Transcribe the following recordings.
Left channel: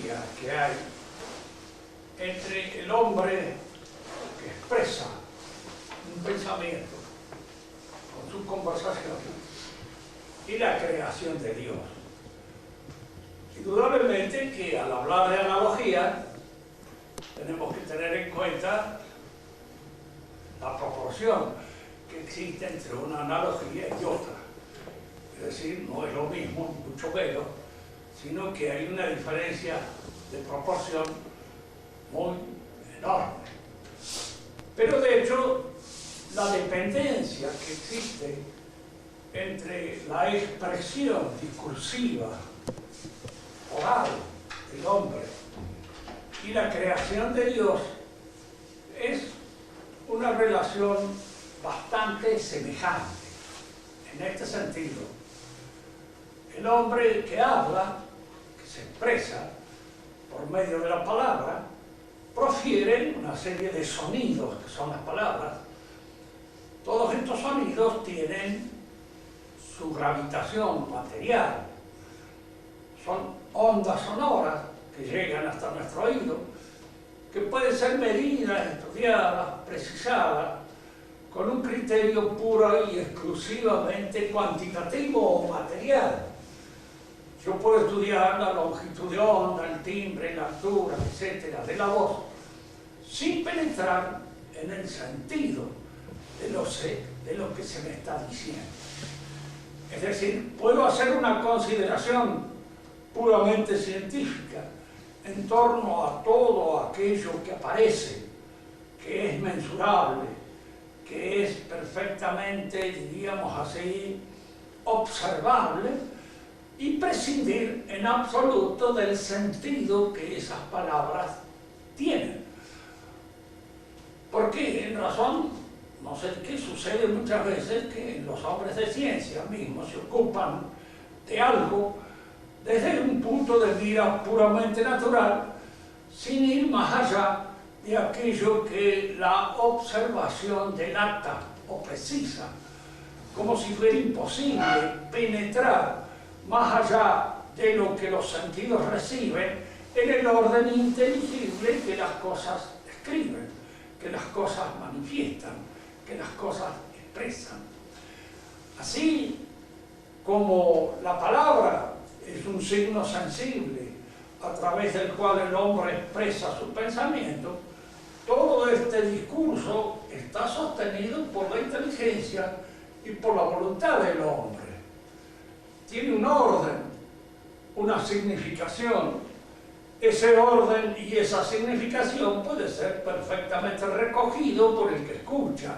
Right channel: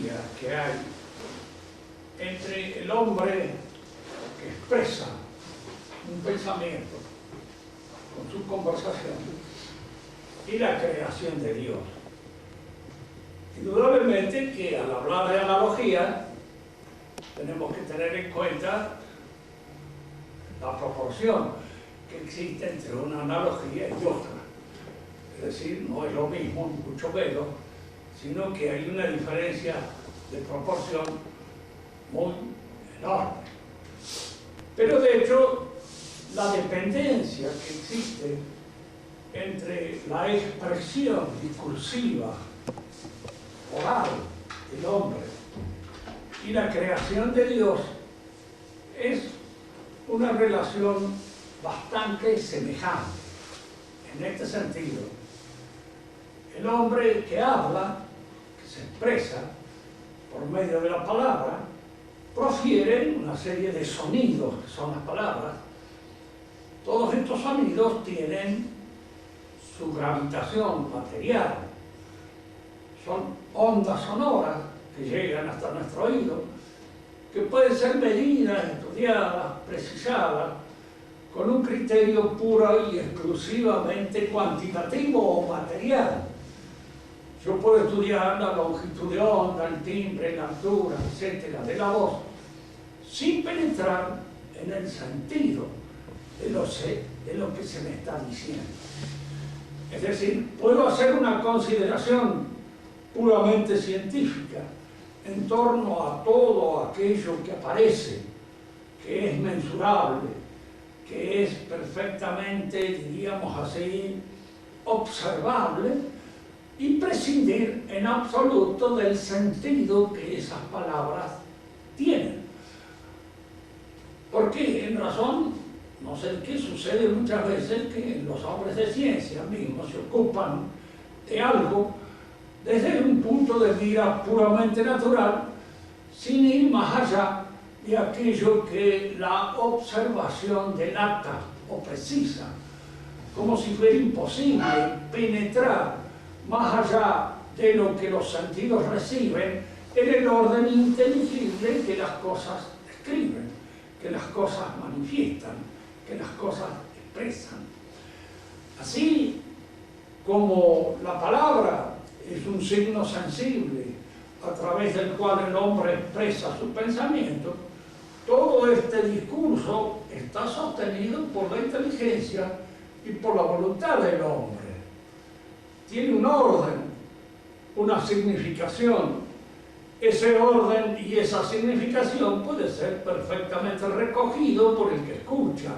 analogía que hay entre el hombre que expresa un pensamiento con su conversación y la creación de Dios. Indudablemente que al hablar de analogía tenemos que tener en cuenta la proporción que existe entre una analogía y otra. Es decir, no es lo mismo, mucho menos, sino que hay una diferencia de proporción muy enorme. Pero de hecho, la dependencia que existe entre la expresión discursiva, oral, del hombre y la creación de Dios es una relación bastante semejante. En este sentido, el hombre que habla, que se expresa por medio de la palabra, profiere una serie de sonidos, que son las palabras. Todos estos sonidos tienen su gravitación material. Son ondas sonoras que llegan hasta nuestro oído, que pueden ser medidas, estudiadas, precisadas, con un criterio puro y exclusivamente cuantitativo o material. Yo puedo estudiar la longitud de onda, el timbre, la altura, etcétera, de la voz, sin penetrar en el sentido de lo que se me está diciendo. Es decir, puedo hacer una consideración puramente científica en torno a todo aquello que aparece, que es mensurable, que es perfectamente, diríamos así, observable, y prescindir en absoluto del sentido que esas palabras tienen. Porque en razón, no sé qué sucede muchas veces, que los hombres de ciencia mismos se ocupan de algo desde un punto de vista puramente natural, sin ir más allá de aquello que la observación delata o precisa, como si fuera imposible penetrar más allá de lo que los sentidos reciben en el orden inteligible que las cosas describen, que las cosas manifiestan, que las cosas expresan. Así como la palabra es un signo sensible a través del cual el hombre expresa su pensamiento, todo este discurso está sostenido por la inteligencia y por la voluntad del hombre. Tiene un orden, una significación. Ese orden y esa significación puede ser perfectamente recogido por el que escucha,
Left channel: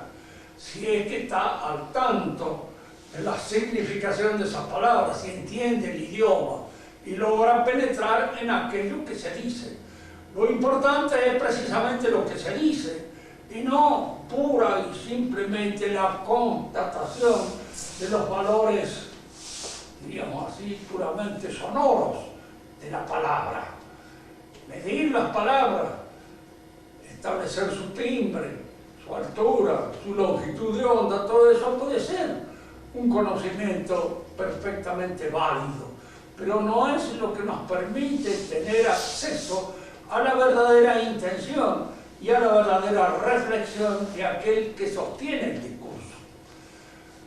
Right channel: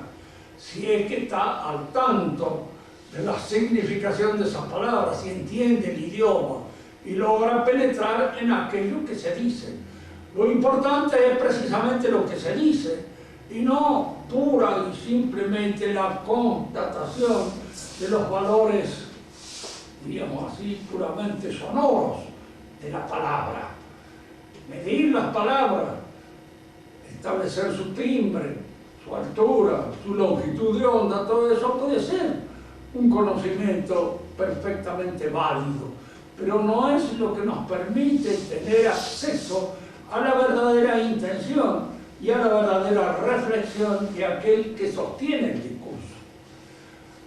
si es que está al tanto de la significación de esas palabras, si entiende el idioma y logra penetrar en aquello que se dice. Lo importante es precisamente lo que se dice y no pura y simplemente la constatación de los valores, diríamos así, puramente sonoros de la palabra. Medir las palabras, establecer su timbre, su altura, su longitud de onda, todo eso puede ser un conocimiento perfectamente válido, pero no es lo que nos permite tener acceso a la verdadera intención y a la verdadera reflexión de aquel que sostiene el discurso.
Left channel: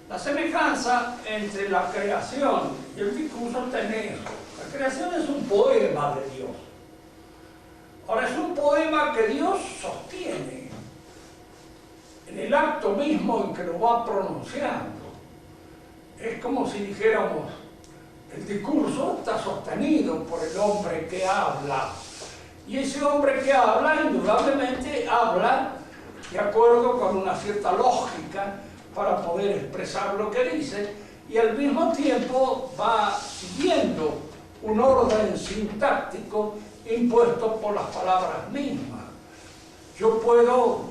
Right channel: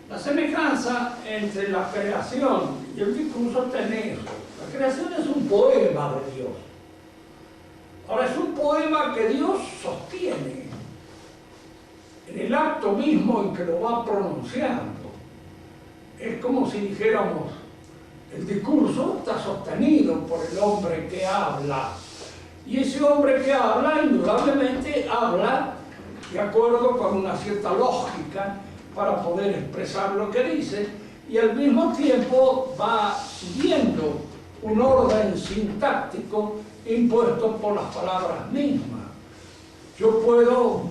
La semejanza entre la creación y el discurso está en eso. La creación es un poema de Dios. Ahora, es un poema que Dios sostiene en el acto mismo en que lo va pronunciando. Es como si dijéramos, el discurso está sostenido por el hombre que habla. Y ese hombre que habla, indudablemente, habla de acuerdo con una cierta lógica para poder expresar lo que dice, y al mismo tiempo va siguiendo un orden sintáctico impuesto por las palabras mismas. Yo puedo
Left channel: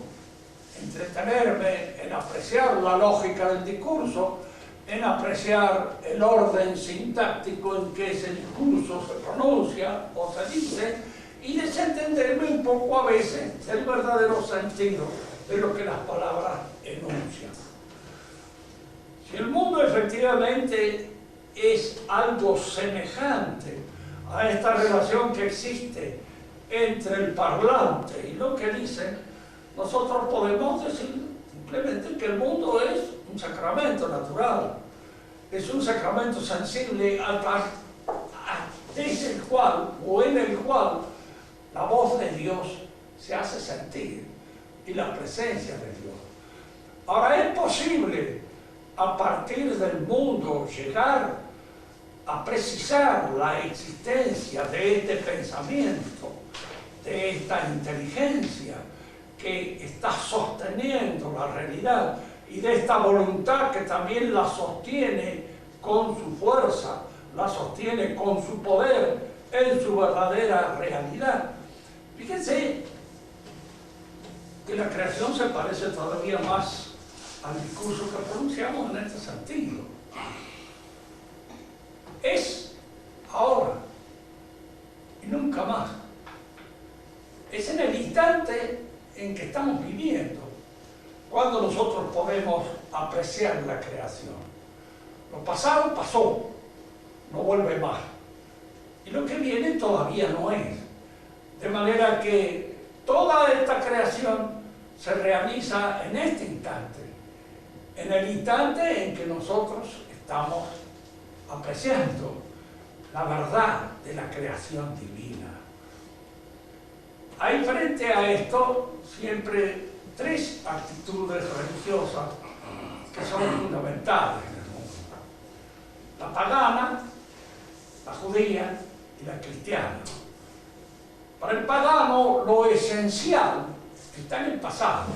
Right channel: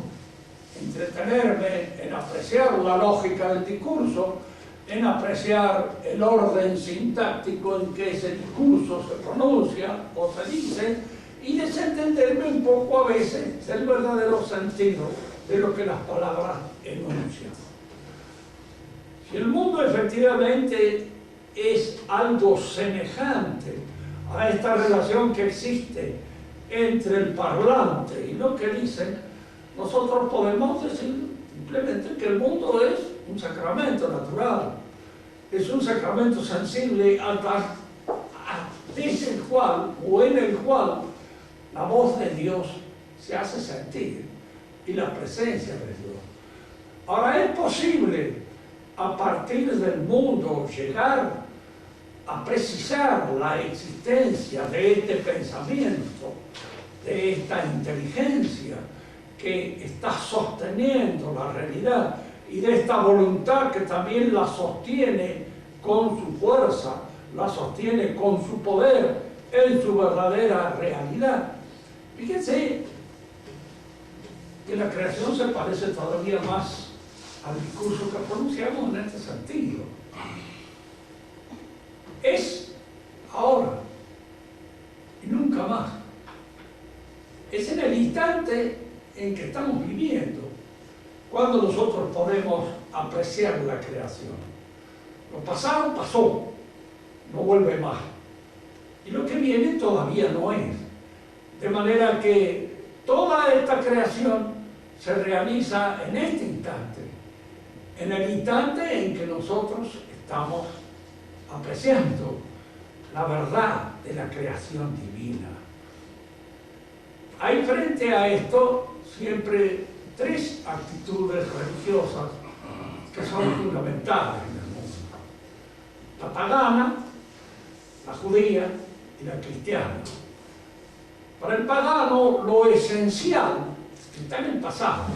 entretenerme en apreciar la lógica del discurso, en apreciar el orden sintáctico en que ese discurso se pronuncia o se dice, y desentenderme un poco a veces del verdadero sentido de lo que las palabras enuncian. Si el mundo efectivamente es algo semejante a esta relación que existe entre el parlante y lo que dicen, nosotros podemos decir simplemente que el mundo es un sacramento natural, es un sacramento sensible desde el cual o en el cual la voz de Dios se hace sentir y la presencia de Dios. Ahora, es posible a partir del mundo llegar a precisar la existencia de este pensamiento, de esta inteligencia que está sosteniendo la realidad y de esta voluntad que también la sostiene con su fuerza, la sostiene con su poder en su verdadera realidad. Fíjense que la creación se parece todavía más al discurso que pronunciamos en este sentido. Es ahora y nunca más. Es en el instante en que estamos viviendo cuando nosotros podemos apreciar la creación. Lo pasado pasó, no vuelve más. Y lo que viene todavía no es. De manera que toda esta creación se realiza en este instante, en el instante en que nosotros estamos apreciando la verdad de la creación divina. Hay frente a esto siempre tres actitudes religiosas que son fundamentales en el mundo: la pagana, la judía y la cristiana. Para el pagano lo esencial está en el pasado,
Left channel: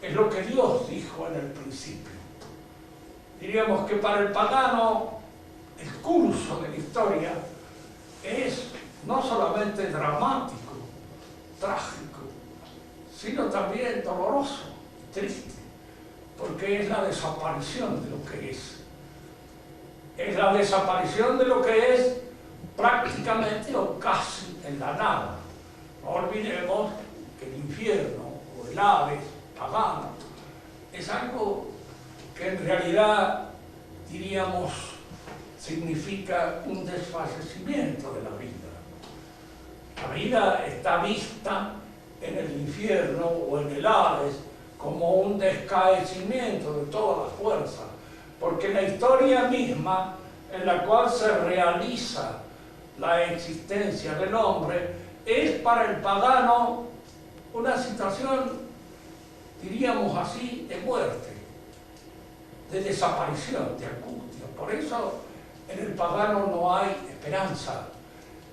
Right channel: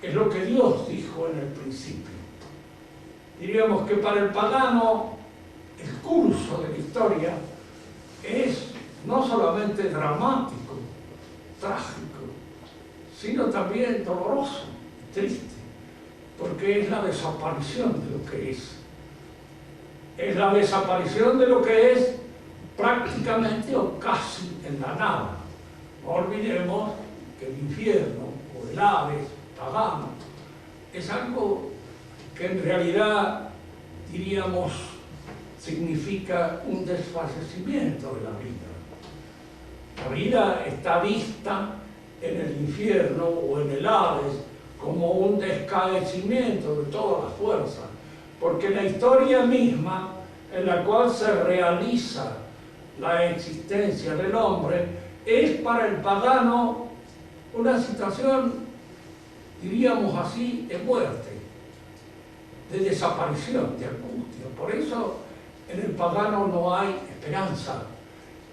es lo que Dios dijo en el principio. Diríamos que para el pagano el curso de la historia es no solamente dramático, trágico, sino también doloroso y triste, porque es la desaparición de lo que es. Es la desaparición de lo que es prácticamente o casi en la nada. No olvidemos que el infierno o el Hades pagano es algo que en realidad, diríamos, significa un desfallecimiento de la vida. La vida está vista en el infierno o en el Hades como un descaecimiento de toda la fuerza, porque la historia misma en la cual se realiza la existencia del hombre es para el pagano una situación, diríamos así, de muerte, de desaparición, de angustia. Por eso en el pagano no hay esperanza,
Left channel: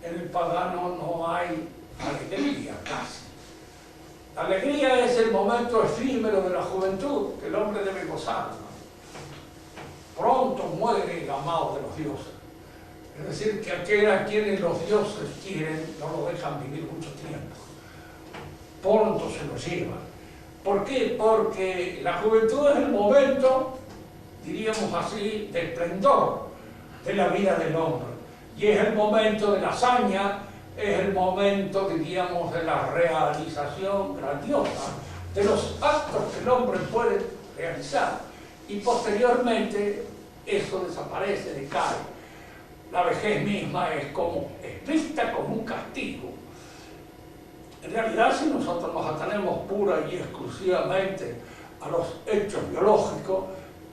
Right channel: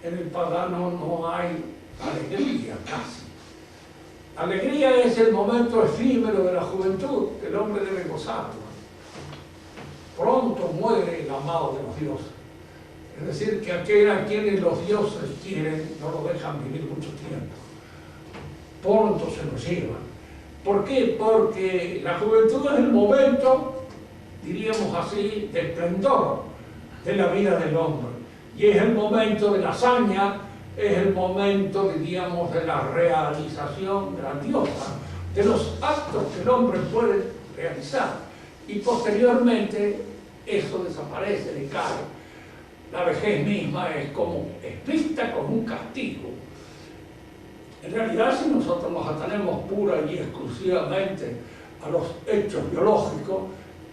en el pagano no hay alegría casi. La alegría es el momento efímero de la juventud que el hombre debe gozarlo. Pronto muere el amado de los dioses. Es decir, que aquel a quienes los dioses quieren no lo dejan vivir mucho tiempo. Pronto se lo llevan. ¿Por qué? Porque la juventud es el momento, diríamos así, de esplendor de la vida del hombre. Y es el momento de la hazaña, es el momento, diríamos, de la realización grandiosa, de los actos que el hombre puede realizar. Y posteriormente eso desaparece, decae. La vejez misma es vista como un castigo. En realidad, si nosotros nos atenemos pura y exclusivamente a los hechos biológicos,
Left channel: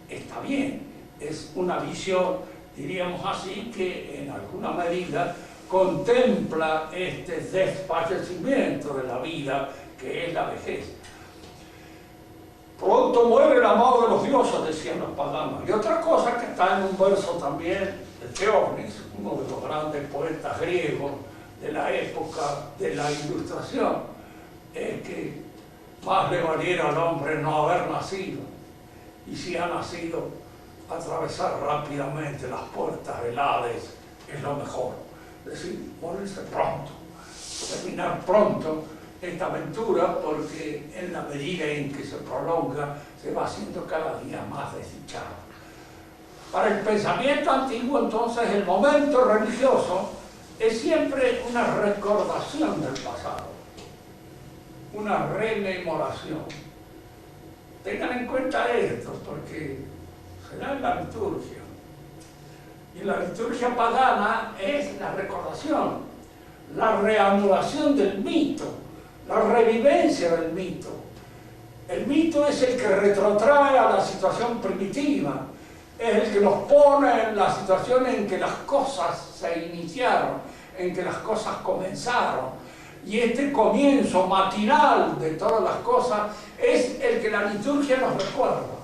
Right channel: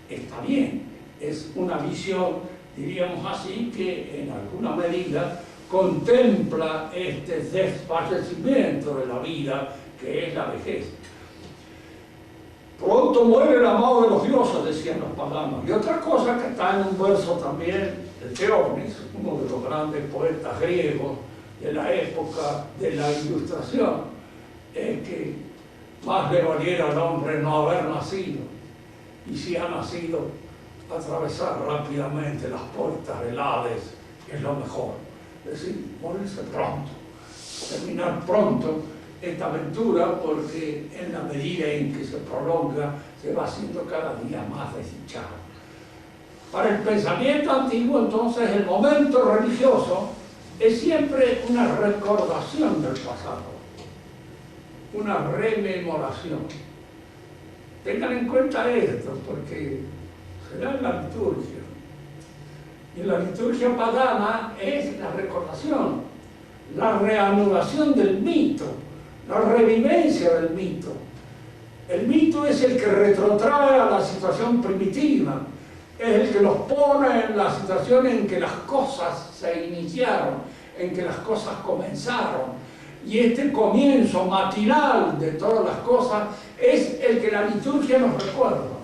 está bien. Es una visión, diríamos así, que en alguna medida contempla este desfallecimiento de la vida, que es la vejez. Pronto muere el amado de los dioses, decían los paganos. Y otra cosa que está en un verso también de Teógenes, uno de los grandes poetas griegos de la época de la Ilustración, es que más le valiera al hombre no haber nacido, y si ha nacido, atravesar rápidamente las puertas del Hades es lo mejor. Es decir, morirse pronto, terminar pronto esta aventura, porque en la medida en que se prolonga se va haciendo cada día más desdichado. Para el pensamiento antiguo, entonces, el momento religioso es siempre una recordación del pasado, una rememoración. Tengan en cuenta esto, porque será en la liturgia. Y la liturgia pagana es la recordación, la reanudación del mito, la revivencia del mito. El mito es el que retrotrae a la situación primitiva, es el que nos pone en la situación en que las cosas se iniciaron, en que las cosas comenzaron. Y este comienzo matinal de todas las cosas es el que la liturgia nos recuerda.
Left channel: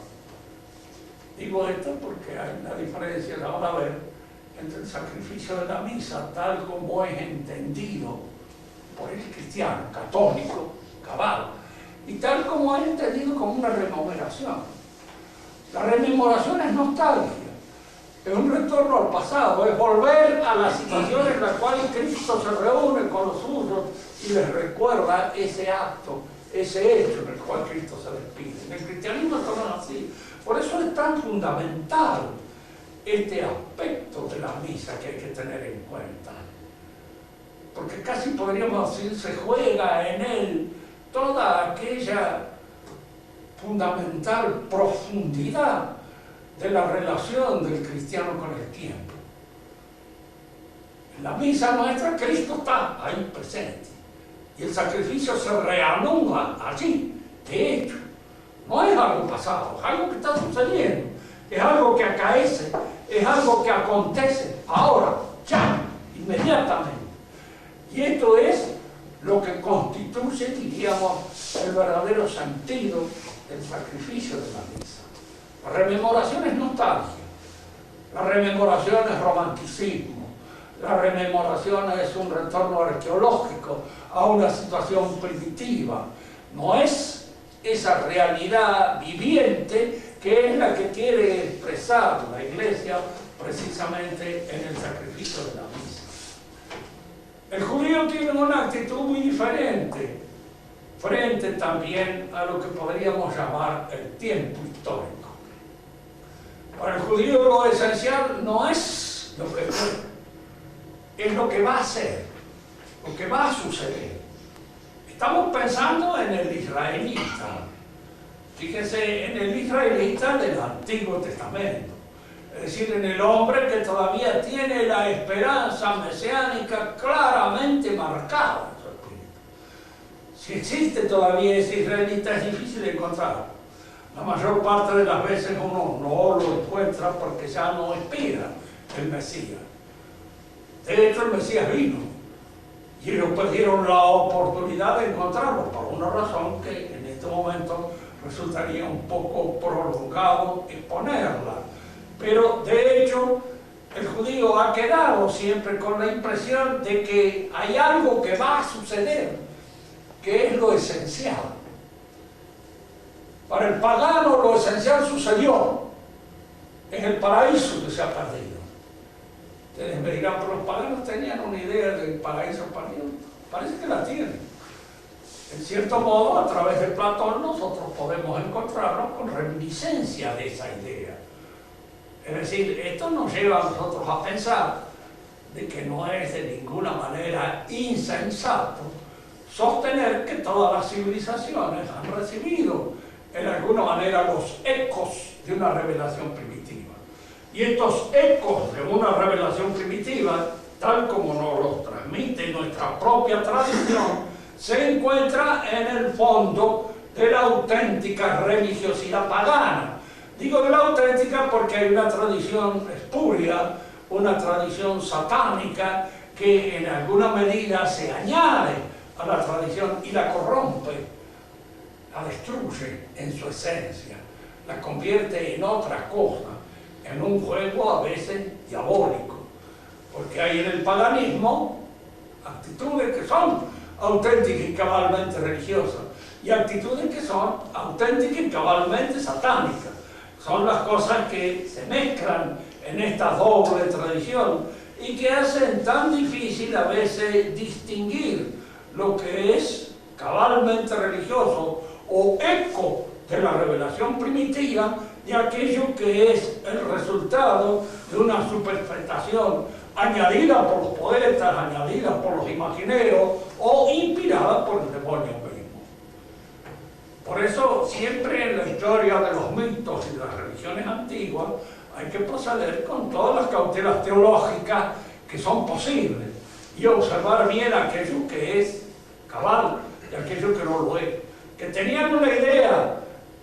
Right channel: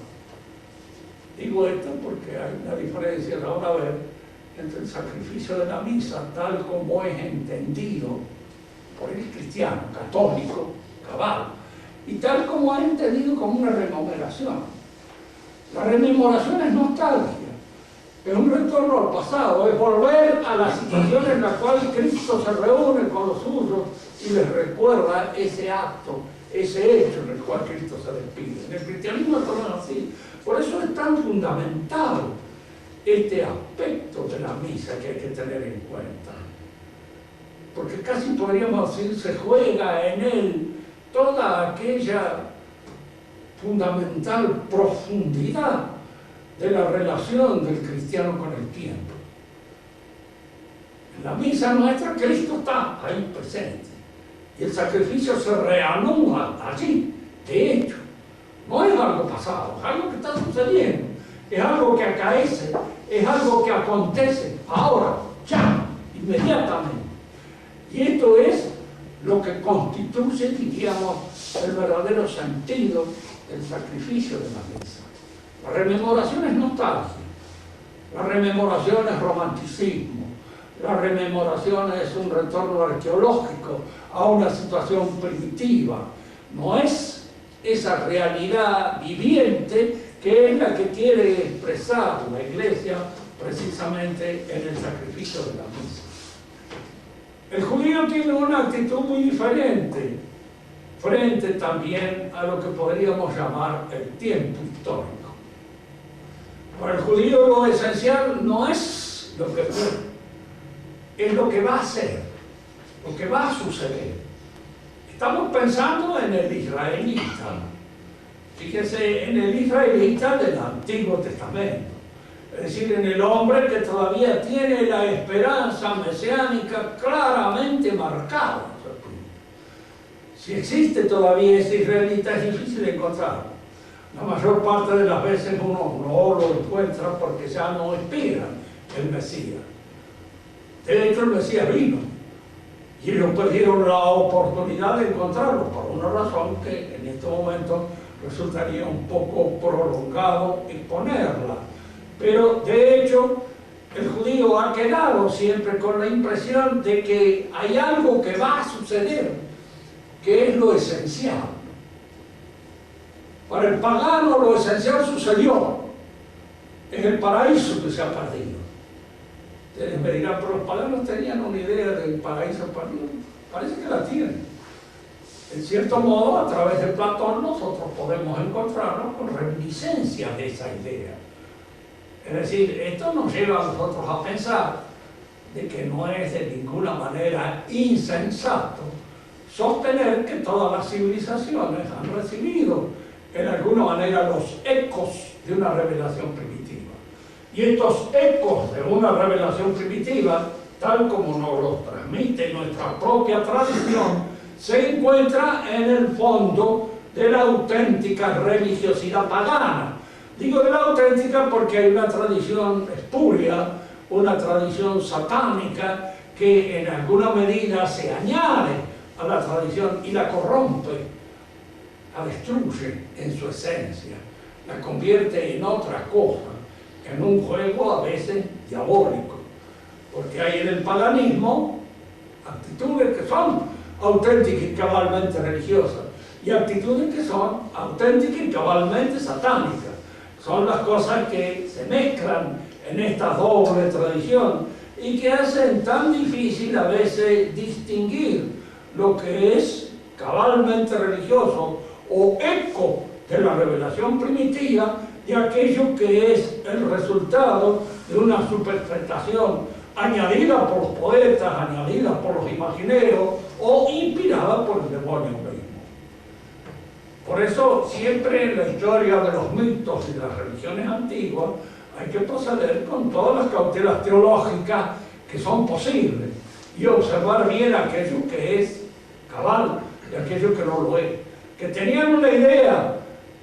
Digo esto porque hay una diferencia a la hora de ver entre el sacrificio de la misa tal como es entendido por el cristiano católico, cabal, y tal como es entendido como una rememoración. La rememoración es nostalgia, es un retorno al pasado, es volver a la situación en la cual Cristo se reúne con los suyos y les recuerda ese acto, ese hecho en el cual Cristo se despide. En el cristianismo esto no es así. Por eso es tan fundamental este aspecto de la misa que hay que tener en cuenta. Porque casi podríamos decir, se juega en él toda aquella fundamental profundidad de la relación del cristiano con el tiempo. En la misa nuestra Cristo está ahí presente y el sacrificio se reanuda allí, de hecho. No es algo pasado, es algo que está sucediendo, es algo que acaece, es algo que acontece ahora, ya, inmediatamente. Y esto es lo que constituye, diríamos, el verdadero sentido del sacrificio de la misa. La rememoración es nostalgia, la rememoración es romanticismo, la rememoración es un retorno arqueológico a una situación primitiva, no es esa realidad viviente que es la que quiere expresar la Iglesia precisamente en el sacrificio de la misa. El judío tiene una actitud muy diferente frente también a lo que podríamos llamar el tiempo histórico. Para el judío lo esencial no es lo que fue, es lo que va a ser, lo que va a suceder. Estamos pensando en el israelita. Fíjense, en el israelita del Antiguo Testamento. Es decir, en el hombre que todavía tiene la esperanza mesiánica claramente marcada en su espíritu. Si existe todavía ese israelita, es difícil encontrarlo. La mayor parte de las veces uno no lo encuentra porque ya no espera el Mesías. De hecho, el Mesías vino. Y ellos perdieron la oportunidad de encontrarlo por una razón que en este momento resultaría un poco prolongado exponerla. Pero de hecho el judío ha quedado siempre con la impresión de que hay algo que va a suceder, que es lo esencial. Para el pagano lo esencial sucedió, es el paraíso que se ha perdido. Ustedes me dirán, pero los paganos tenían una idea del paraíso perdido. Parece que la tienen. En cierto modo, a través de Platón, nosotros podemos encontrarnos con reminiscencia de esa idea. Es decir, esto nos lleva a nosotros a pensar de que no es de ninguna manera insensato sostener que todas las civilizaciones han recibido en alguna manera los ecos de una revelación primitiva. Y estos ecos de una revelación primitiva, tal como nos los transmite nuestra propia tradición, se encuentra en el fondo de la auténtica religiosidad pagana. Digo de la auténtica porque hay una tradición espuria, una tradición satánica que en alguna medida se añade a la tradición y la corrompe, la destruye en su esencia, la convierte en otra cosa, en un juego a veces diabólico, porque hay en el paganismo actitudes que son auténticas y cabalmente religiosas y actitudes que son auténticas y cabalmente satánicas. Son las cosas que se mezclan en esta doble tradición y que hacen tan difícil a veces distinguir lo que es cabalmente religioso o eco de la revelación primitiva de aquello que es el resultado de una superfetación añadida por los poetas, añadida por los imagineros o inspirada por el demonio mismo. Por eso siempre en la historia de los mitos y de las religiones antiguas hay que proceder con todas las cautelas teológicas que son posibles y observar bien aquello que es cabal y aquello que no lo es. Que tenían una idea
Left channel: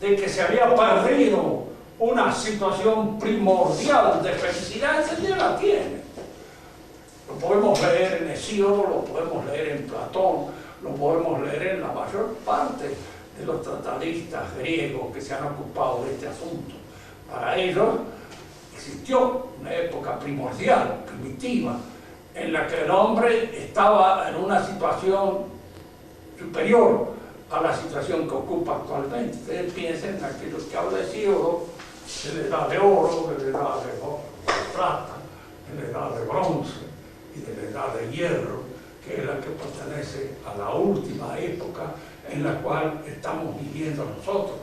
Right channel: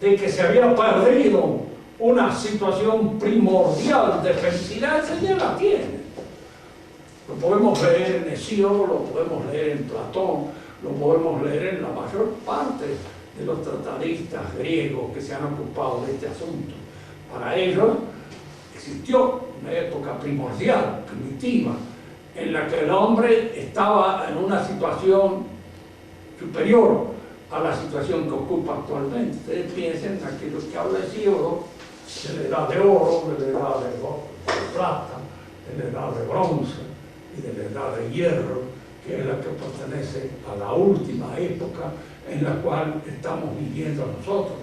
de que se había perdido una situación primordial de felicidad, esa ya la tiene. Lo podemos leer en Hesíodo, lo podemos leer en Platón, lo podemos leer en la mayor parte de los tratadistas griegos que se han ocupado de este asunto. Para ellos existió una época primordial, primitiva, en la que el hombre estaba en una situación superior a la situación que ocupa actualmente. Ustedes piensen en aquello que habla Hesíodo, de la edad de oro, de la edad de plata, de la edad de bronce y de la edad de hierro, que es la que pertenece a la última época en la cual estamos viviendo nosotros.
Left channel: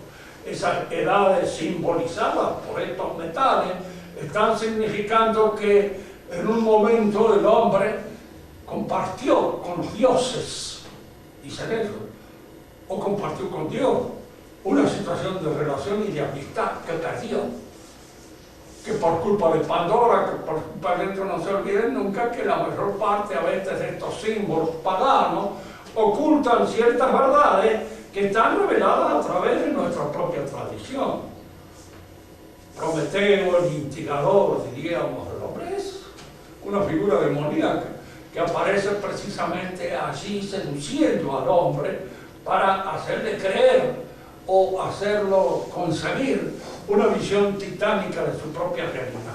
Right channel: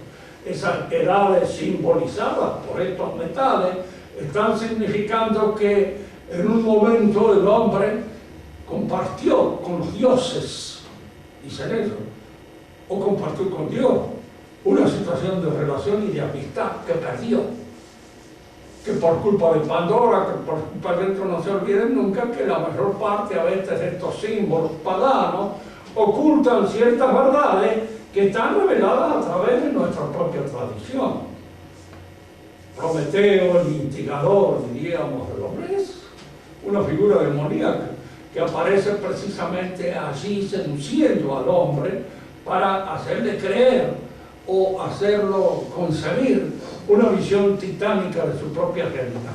Esas edades simbolizadas por estos metales están significando que en un momento el hombre compartió con los dioses, dicen ellos, o compartió con Dios una situación de relación y de amistad que perdió, que por culpa de Pandora, que por culpa de esto, no se olviden nunca que la mayor parte a veces de estos símbolos paganos ocultan ciertas verdades que están reveladas a través de nuestra propia tradición. Prometeo, el instigador, diríamos, del hombre, es una figura demoníaca que aparece precisamente allí seduciendo al hombre para hacerle creer o hacerlo concebir una visión titánica de su propia realidad.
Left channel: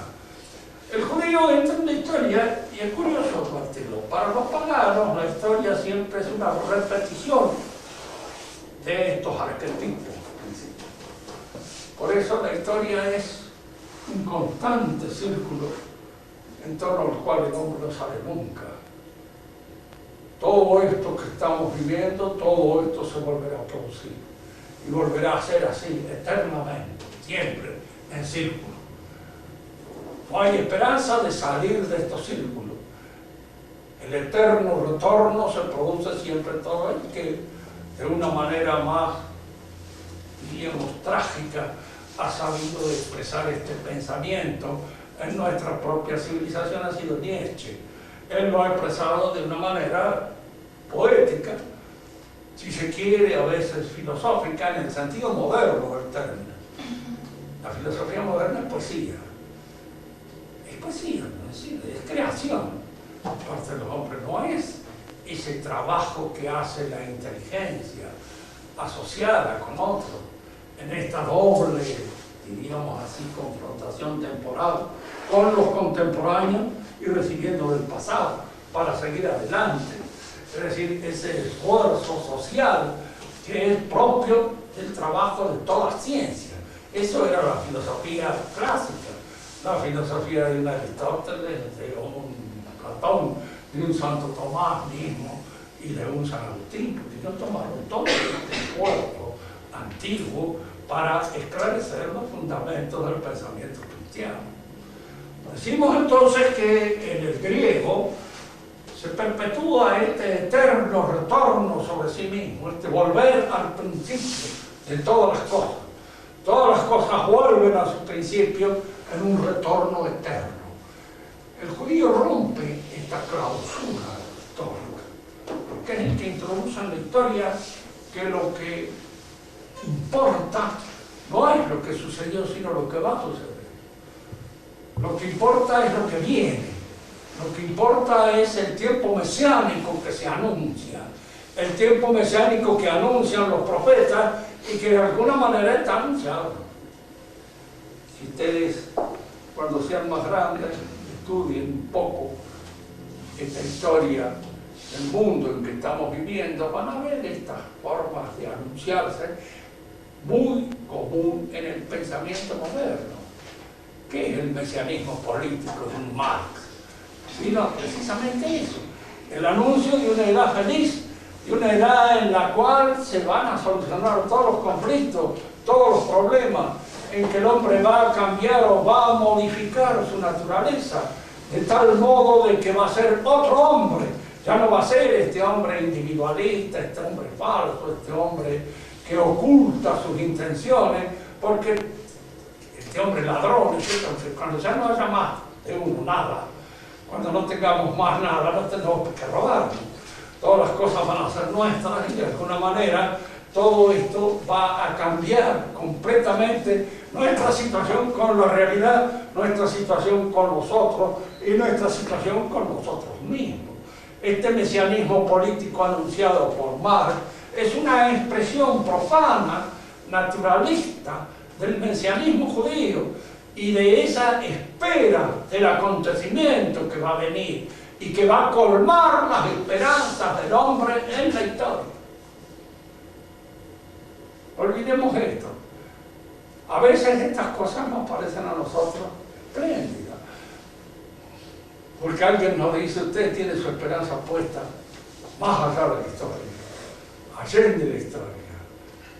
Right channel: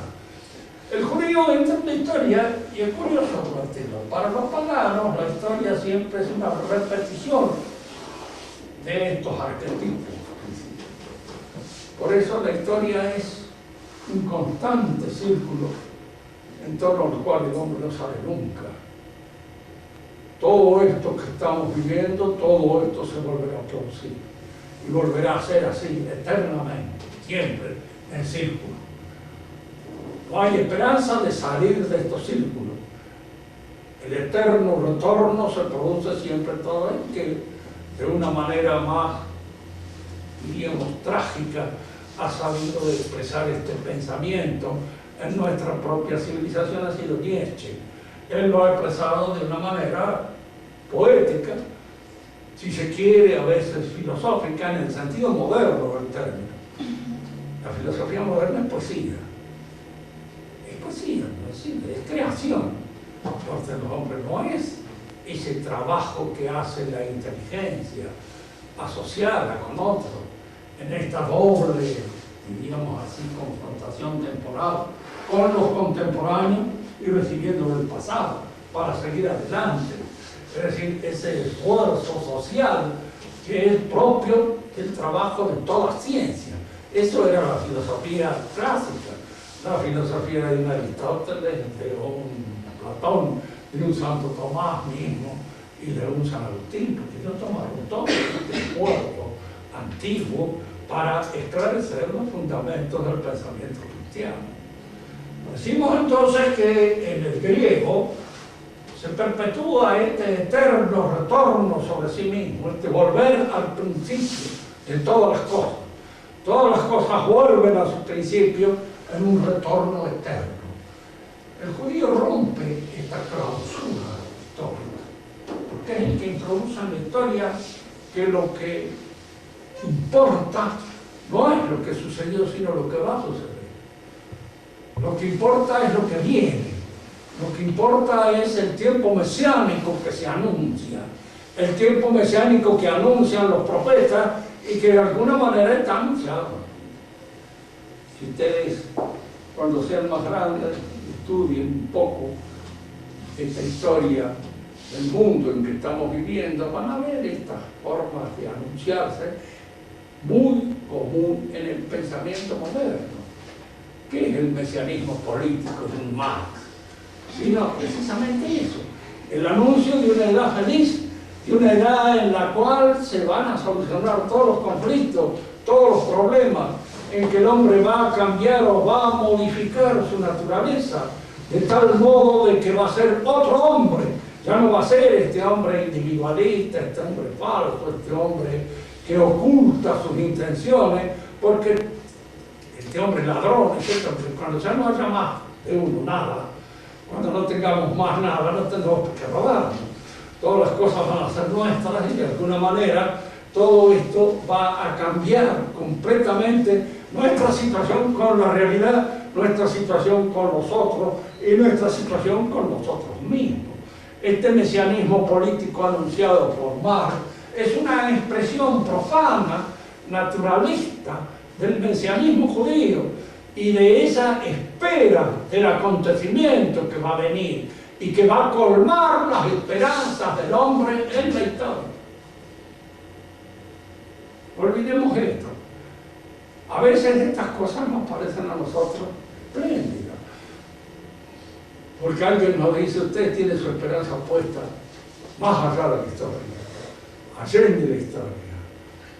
El judío entra en la historia y es curioso, Martino. Para los paganos la historia siempre es una repetición de estos arquetipos. Por eso la historia es un constante círculo en torno al cual el hombre no sale nunca. Todo esto que estamos viviendo, todo esto se volverá a producir. Y volverá a ser así, eternamente, siempre, en círculo. No hay esperanza de salir de estos círculos. El eterno retorno se produce siempre todo el que, de una manera más, diríamos, trágica, ha sabido expresar este pensamiento en nuestra propia civilización, ha sido Nietzsche. Él lo ha expresado de una manera poética, si se quiere, a veces filosófica, en el sentido moderno del término. La filosofía moderna es poesía. Es poesía, no es cine, es creación. Por parte de los hombres no es ese trabajo que hace la inteligencia asociada con otro, en esta doble, diríamos así, confrontación temporal con los contemporáneos y recibiendo del pasado para seguir adelante. Es decir, ese esfuerzo social que es propio del trabajo de toda ciencia. Eso era la filosofía clásica, la filosofía de un Aristóteles, de un Platón, de un Santo Tomás mismo y de un San Agustín, porque ellos tomaron todo este esfuerzo antiguo para esclarecer los fundamentos del pensamiento cristiano. Decimos entonces que en el griego se perpetúa este eterno retorno sobre sí mismo, este volver al principio de todas las cosas. Todas las cosas vuelven a su principio en un retorno eterno. El judío rompe esta clausura histórica, porque es el que introduce en la historia que lo que importa no es lo que sucedió, sino lo que va a suceder. Lo que importa es lo que viene. Lo que importa es el tiempo mesiánico que se anuncia, el tiempo mesiánico que anuncian los profetas y que de alguna manera está anunciado. Si ustedes, cuando sean más grandes, estudien un poco esta historia del mundo en que estamos viviendo, van a ver estas formas de anunciarse muy común en el pensamiento moderno. ¿Qué es el mesianismo político de un Marx? Sino precisamente eso, el anuncio de una edad feliz, de una edad en la cual se van a solucionar todos los conflictos, todos los problemas, en que el hombre va a cambiar o va a modificar su naturaleza, de tal modo de que va a ser otro hombre, ya no va a ser este hombre individualista, este hombre falso, este hombre que oculta sus intenciones, porque este hombre ladrón, etc. Cuando ya no haya más de uno, nada, cuando no tengamos más nada, no tendremos que robarnos. Todas las cosas van a ser nuestras y de alguna manera todo esto va a cambiar completamente nuestra situación con la realidad, nuestra situación con nosotros y nuestra situación con nosotros mismos. Este mesianismo político anunciado por Marx es una expresión profana, naturalista, del mesianismo judío y de esa espera del acontecimiento que va a venir y que va a colmar las esperanzas del hombre en la historia. Olvidemos esto. A veces estas cosas nos parecen a nosotros espléndidas, porque alguien nos dice, usted tiene su esperanza puesta más allá de la historia, allende la historia,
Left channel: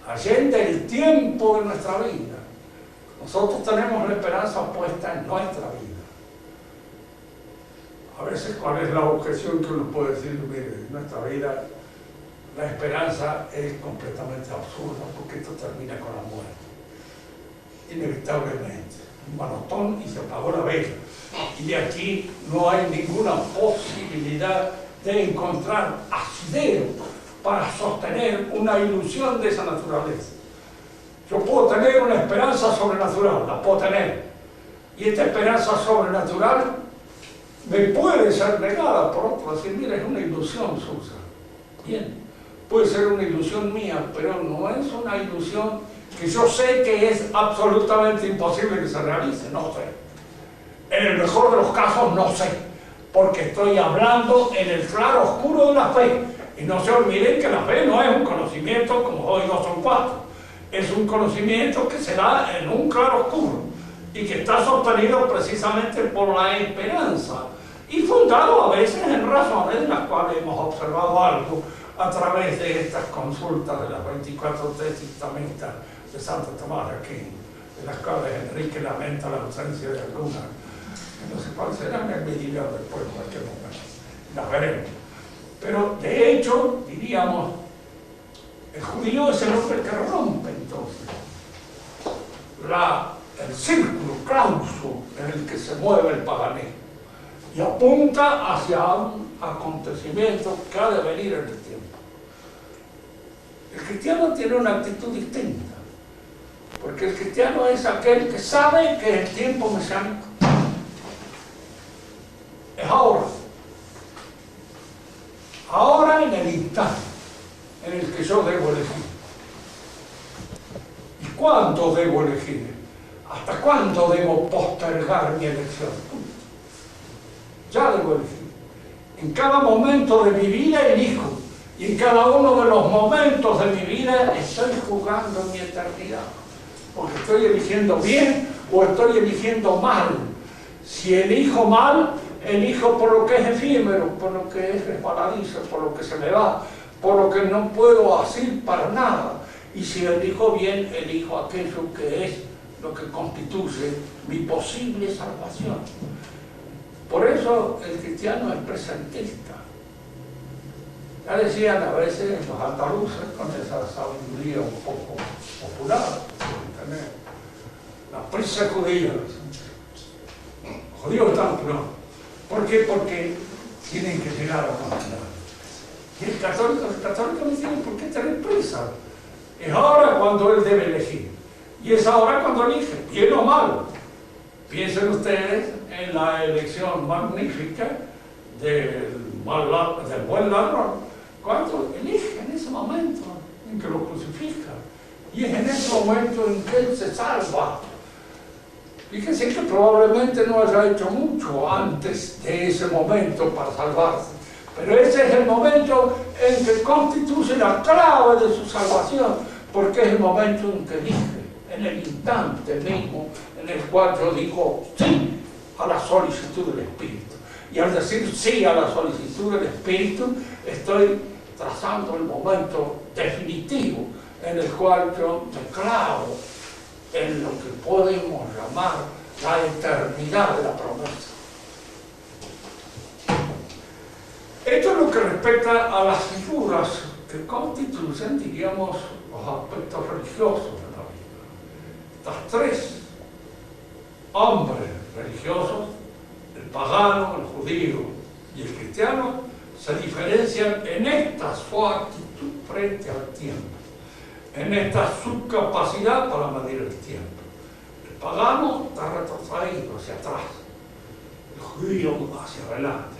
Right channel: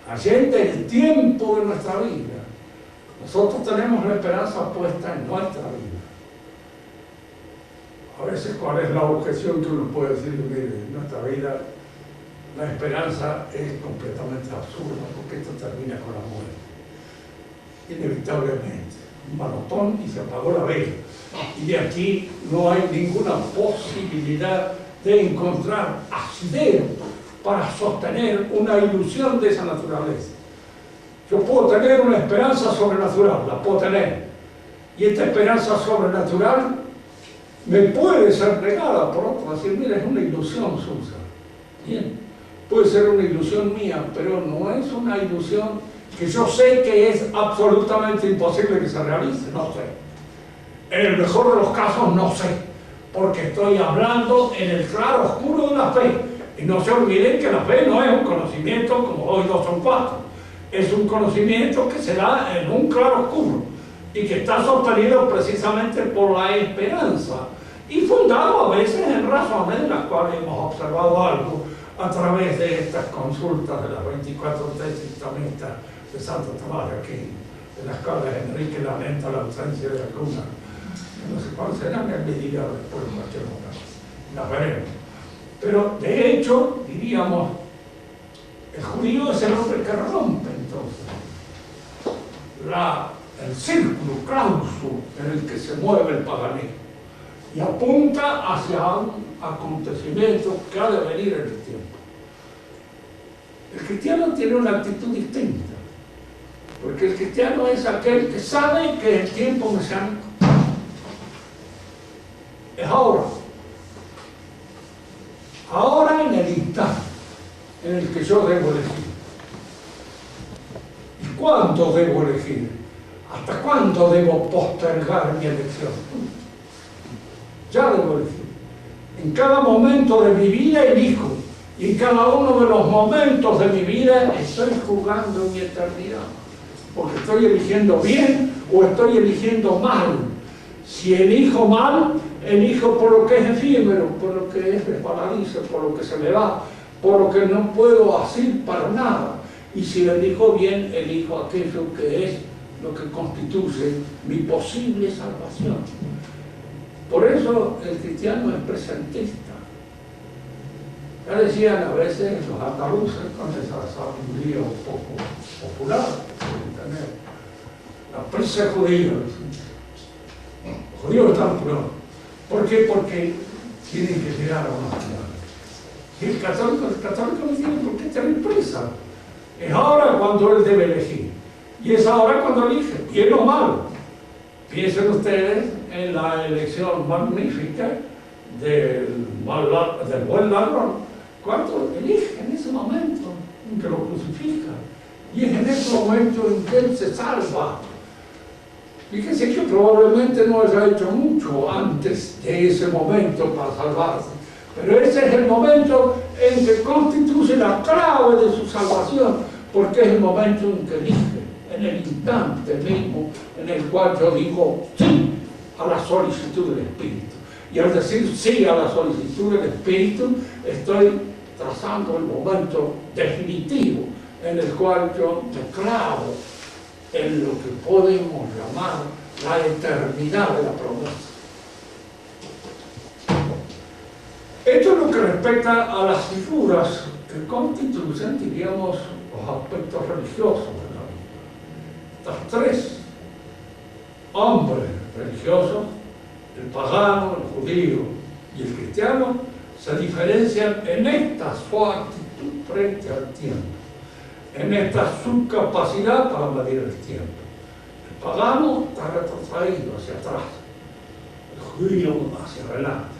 allende el tiempo de nuestra vida. Nosotros tenemos la esperanza puesta en nuestra vida. A veces, ¿cuál es la objeción que uno puede decir? Mire, en nuestra vida la esperanza es completamente absurda, porque esto termina con la muerte. Inevitablemente. Un manotón y se apagó la vela. Y de aquí no hay ninguna posibilidad de encontrar asidero para sostener una ilusión de esa naturaleza. Yo puedo tener una esperanza sobrenatural, la puedo tener. Y esta esperanza sobrenatural me puede ser negada por otro, decir, mira, es una ilusión suya. Bien, puede ser una ilusión mía, pero no es una ilusión que yo sé que es absolutamente imposible que se realice, no sé. En el mejor de los casos no sé, porque estoy hablando en el claro oscuro de la fe. Y no se olviden que la fe no es un conocimiento como 2 y 2 son 4. Es un conocimiento que se da en un claro oscuro y que está sostenido precisamente por la esperanza y fundado a veces en razones de las cuales hemos observado algo a través de estas consultas de las 24 tesis tamistas de Santo Tomás de Aquino, de las cuales Enrique lamenta la ausencia de algunas, que no sé cuáles serán, él me dirá después en cualquier momento, las veremos. Pero de hecho, diríamos, el judío es el hombre que rompe entonces el círculo clauso en el que se mueve el paganismo y apunta hacia un acontecimiento que ha de venir en el tiempo. El cristiano tiene una actitud distinta, porque el cristiano es aquel que sabe que el tiempo mesiánico es ahora. Ahora, en el instante en el que yo debo elegir. ¿Y cuándo debo elegir? ¿Hasta cuándo debo postergar mi elección? Ya debo elegir. En cada momento de mi vida elijo. Y en cada uno de los momentos de mi vida estoy jugando mi eternidad. Porque estoy eligiendo bien o estoy eligiendo mal. Si elijo mal, elijo por lo que es efímero, por lo que es resbaladizo, por lo que se me va, por lo que no puedo hacer para nada. Y si elijo bien, elijo aquello que es lo que constituye mi posible salvación. Por eso el cristiano es presentista. Ya decían a veces los andaluces, con esa sabiduría un poco popular, tener la prisa judía. Los judíos están apurados. ¿Por qué? Porque tienen que llegar a una final. Y el católico no tiene por qué tener prisa. Es ahora cuando él debe elegir. Y es ahora cuando elige, bien o mal. Piensen ustedes en la elección magnífica del buen ladrón, cuando elige en ese momento en que lo crucifica. Y es en ese momento en que él se salva. Fíjense que probablemente no haya hecho mucho antes de ese momento para salvarse. Pero ese es el momento en que constituye la clave de su salvación, porque es el momento en que elige, en el instante mismo en el cual yo digo sí a la solicitud del Espíritu. Y al decir sí a la solicitud del Espíritu, estoy trazando el momento definitivo en el cual yo me clavo en lo que podemos llamar la eternidad de la promesa. Esto es lo que respecta a las figuras que constituyen, diríamos, los aspectos religiosos de la vida. Estas tres hombres religiosos, el pagano, el judío y el cristiano, se diferencian en esta su actitud frente al tiempo, en esta su capacidad para medir el tiempo. El pagano está retrotraído hacia atrás, el judío hacia adelante.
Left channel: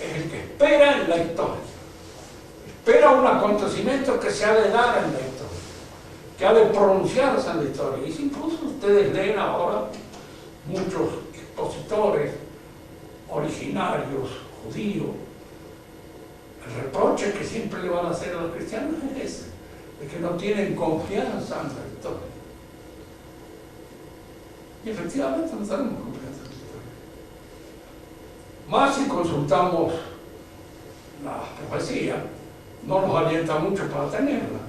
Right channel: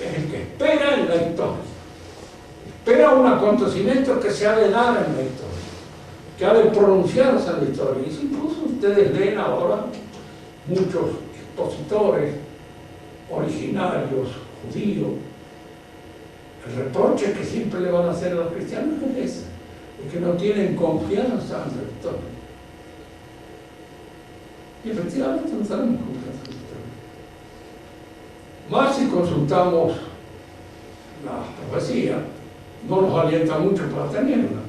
Es el que espera en la historia, espera un acontecimiento que se ha de dar en la historia, que ha de pronunciarse en la historia. Y si incluso ustedes leen ahora muchos expositores originarios, judíos, el reproche que siempre le van a hacer a los cristianos es ese, es que no tienen confianza en la historia. Y efectivamente no tenemos confianza en la historia. Más si consultamos la profecía, no nos alienta mucho para tenerla,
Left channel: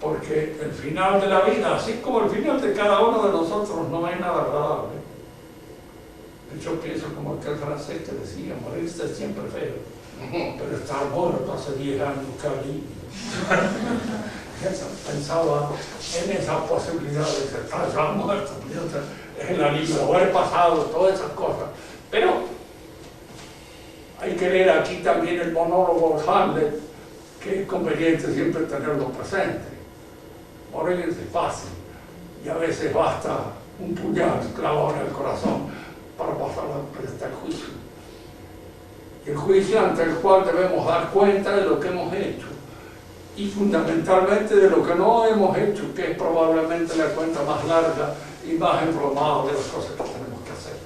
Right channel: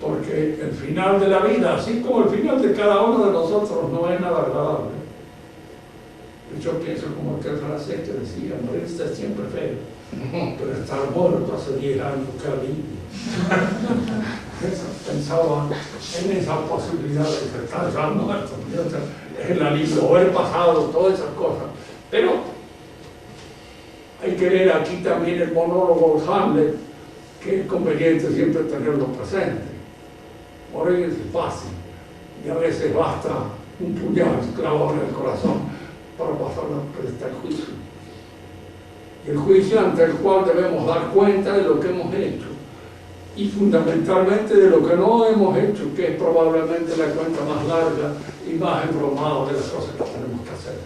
porque el final de la vida, así como el final de cada uno de nosotros, no es nada agradable. Yo pienso como aquel francés que decía, morirse es siempre feo, pero estar muerto hace 10 años, qué alivio. Pensaba en esa posibilidad de que estar ya muerto, el alivio, haber pasado todas esas cosas. Pero hay que leer aquí también el monólogo de Hamlet, que es conveniente siempre tenerlo presente. Morir es fácil, y a veces basta un puñal clavado en el corazón para pasar el juicio. Y el juicio ante el cual debemos dar cuenta de lo que hemos hecho, y fundamentalmente de lo que no hemos hecho, que es probablemente la cuenta más larga y más embromada de las cosas que tenemos que hacer.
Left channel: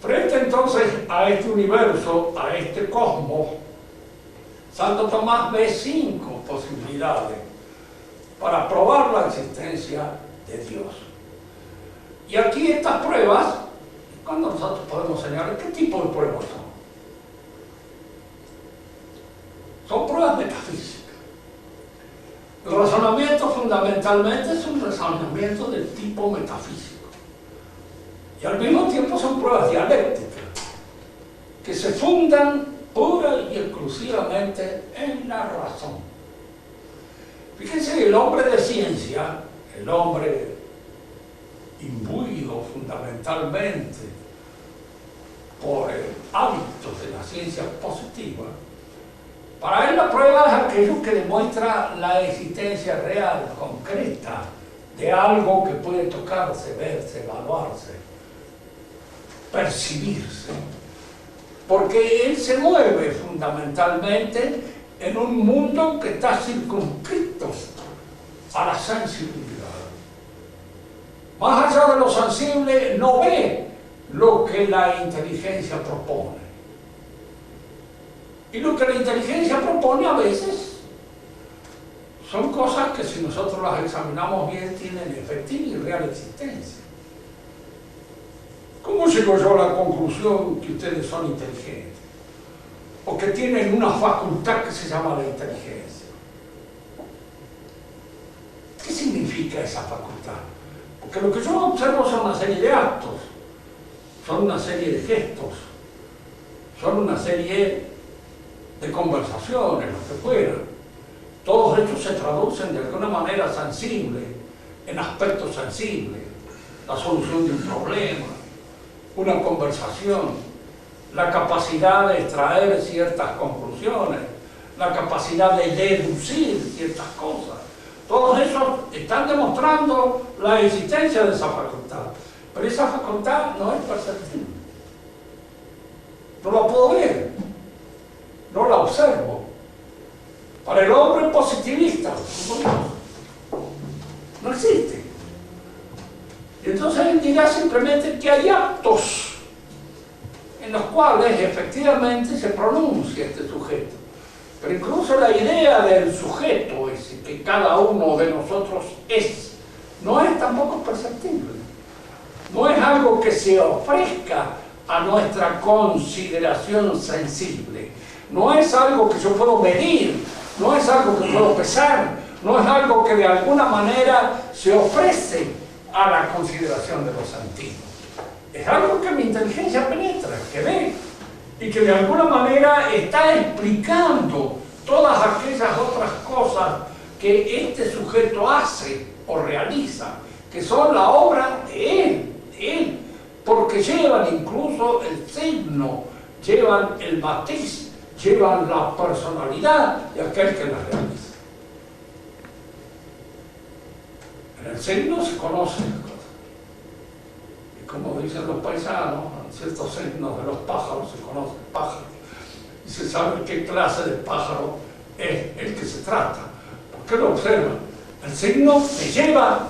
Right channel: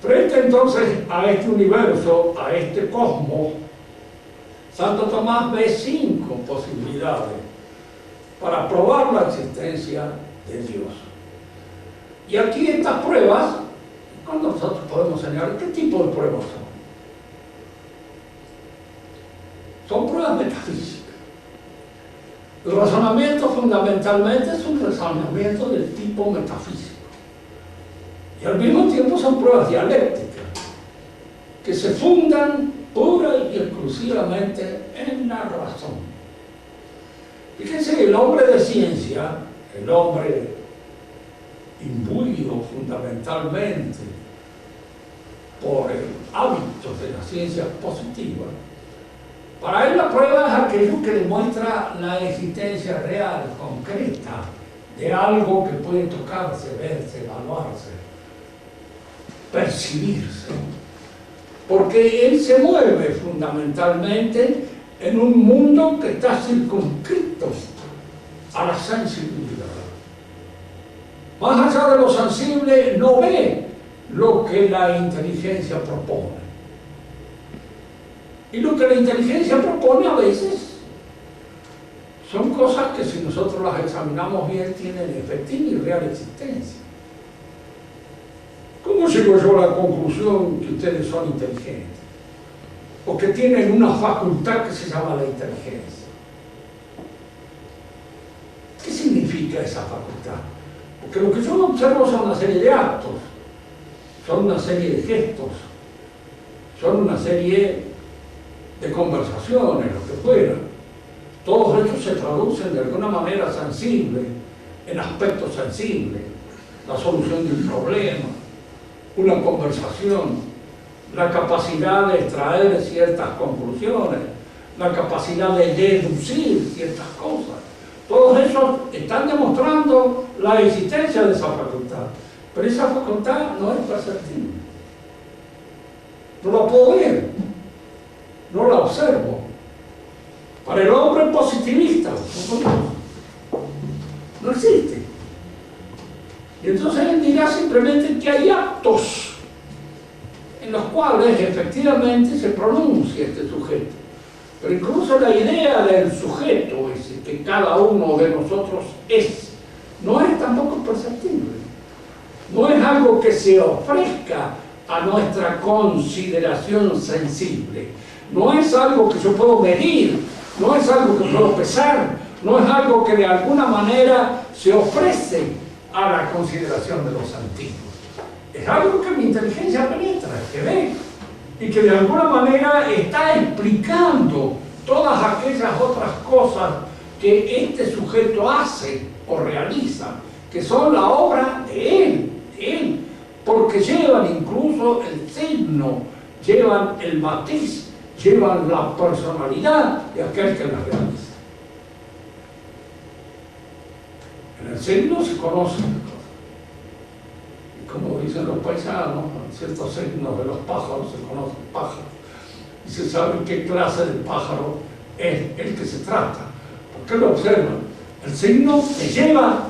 Frente entonces a este universo, a este cosmos, Santo Tomás ve 5 posibilidades para probar la existencia de Dios. Y aquí estas pruebas, ¿cuándo nosotros podemos señalar qué tipo de pruebas son? Son pruebas metafísicas. El razonamiento fundamentalmente es un razonamiento del tipo metafísico. Y al mismo tiempo son pruebas dialécticas, que se fundan pura y exclusivamente en la razón. Fíjense, el hombre de ciencia, el hombre imbuido fundamentalmente por el hábito de la ciencia positiva, para él la prueba es aquello que demuestra la existencia real, concreta, de algo que puede tocarse, verse, evaluarse, percibirse. Porque él se mueve fundamentalmente en un mundo que está circunscrito a la sensibilidad. Más allá de lo sensible, no ve lo que la inteligencia propone. Y lo que la inteligencia propone a veces son cosas que, si nosotros las examinamos bien, tienen efectiva y real existencia. ¿Cómo llego yo a la conclusión que ustedes son inteligentes? O que tienen una facultad que se llama la inteligencia. ¿Qué significa esa facultad? Porque lo que yo observo son una serie de actos, son una serie de gestos, son una serie de conversaciones, lo que fuera. Todos estos se traducen de alguna manera sensible, en aspectos sensibles, la solución de un problema, una conversación, la capacidad de extraer ciertas conclusiones, la capacidad de deducir ciertas cosas. Todos esos están demostrando la existencia de esa facultad, pero esa facultad no es perceptible. No la puedo ver, no la observo. Para el hombre positivista, no existe. Y entonces él dirá simplemente que hay actos en los cuales efectivamente se pronuncia este sujeto. Pero incluso la idea del sujeto ese que cada uno de nosotros es, no es tampoco perceptible. No es algo que se ofrezca a nuestra consideración sensible. No es algo que yo puedo medir, no es algo que puedo pesar, no es algo que de alguna manera se ofrece a la consideración de los antiguos. Es algo que mi inteligencia penetra, que ve, y que de alguna manera está explicando todas aquellas otras cosas que este sujeto hace o realiza, que que son la obra de Él, porque llevan incluso el signo, llevan el matiz, llevan la personalidad de aquel que las realiza. En el signo se conocen las cosas. Y como dicen los paisanos, en ciertos signos de los pájaros se conocen pájaros. Y se sabe qué clase de pájaro es el que se trata. ¿Por qué lo observan? El signo te lleva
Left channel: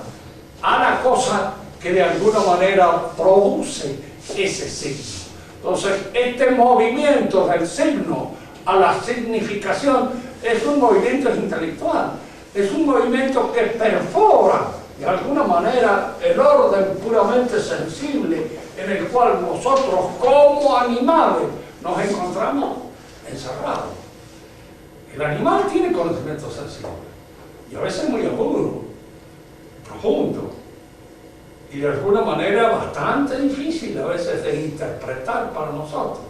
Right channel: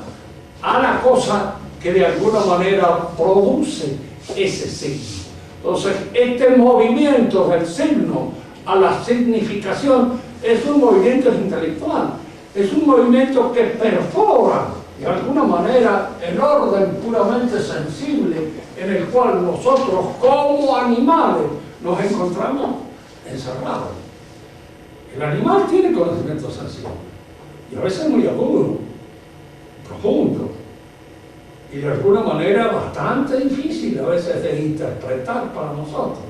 a la cosa que de alguna manera produce ese signo. Entonces, este movimiento del signo a la significación es un movimiento intelectual, es un movimiento que perfora de alguna manera el orden puramente sensible en el cual nosotros como animales nos encontramos encerrados. El animal tiene conocimiento sensible y a veces muy agudo, profundo y de alguna manera bastante difícil a veces de interpretar para nosotros.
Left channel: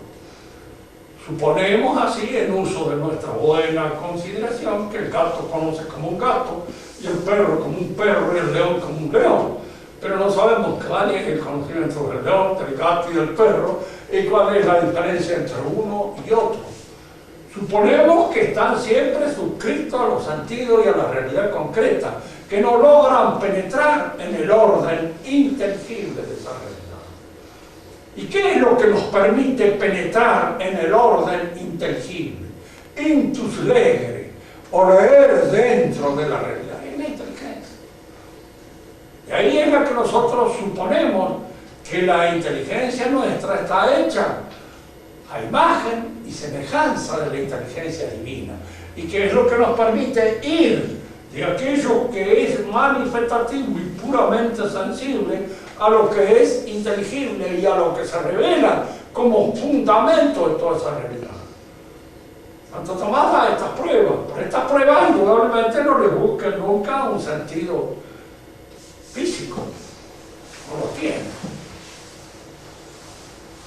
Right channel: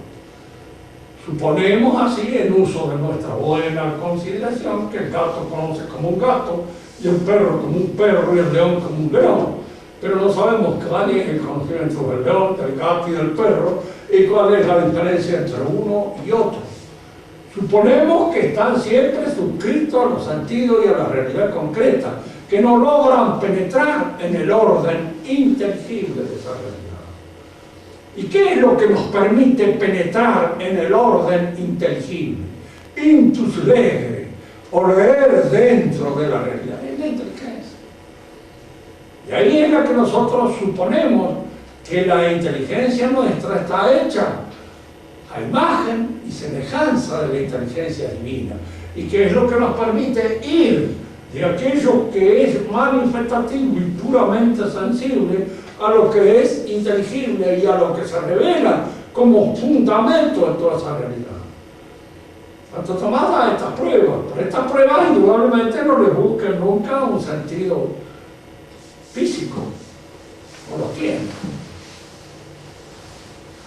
Suponemos así, en uso de nuestra buena consideración, que el gato conoce como un gato y el perro como un perro y el león como un león, pero no sabemos cuál es el conocimiento del león, del gato y del perro y cuál es la diferencia entre uno y otro. Suponemos que están siempre suscritos a los sentidos y a la realidad concreta, que no logran penetrar en el orden inteligible de esa realidad. ¿Y qué es lo que nos permite penetrar en el orden inteligible? Intus legere, o leer dentro de la realidad, es la inteligencia. Y ahí es la que nosotros suponemos que la inteligencia nuestra está hecha a imagen y semejanza de la inteligencia divina, y que es lo que nos permite ir de aquello que es manifestativo y puramente sensible a lo que es inteligible y a lo que se revela como fundamento de toda esa realidad. Santo Tomás da estas pruebas, pero estas pruebas indudablemente no le buscan nunca un sentido físico, no lo tiene.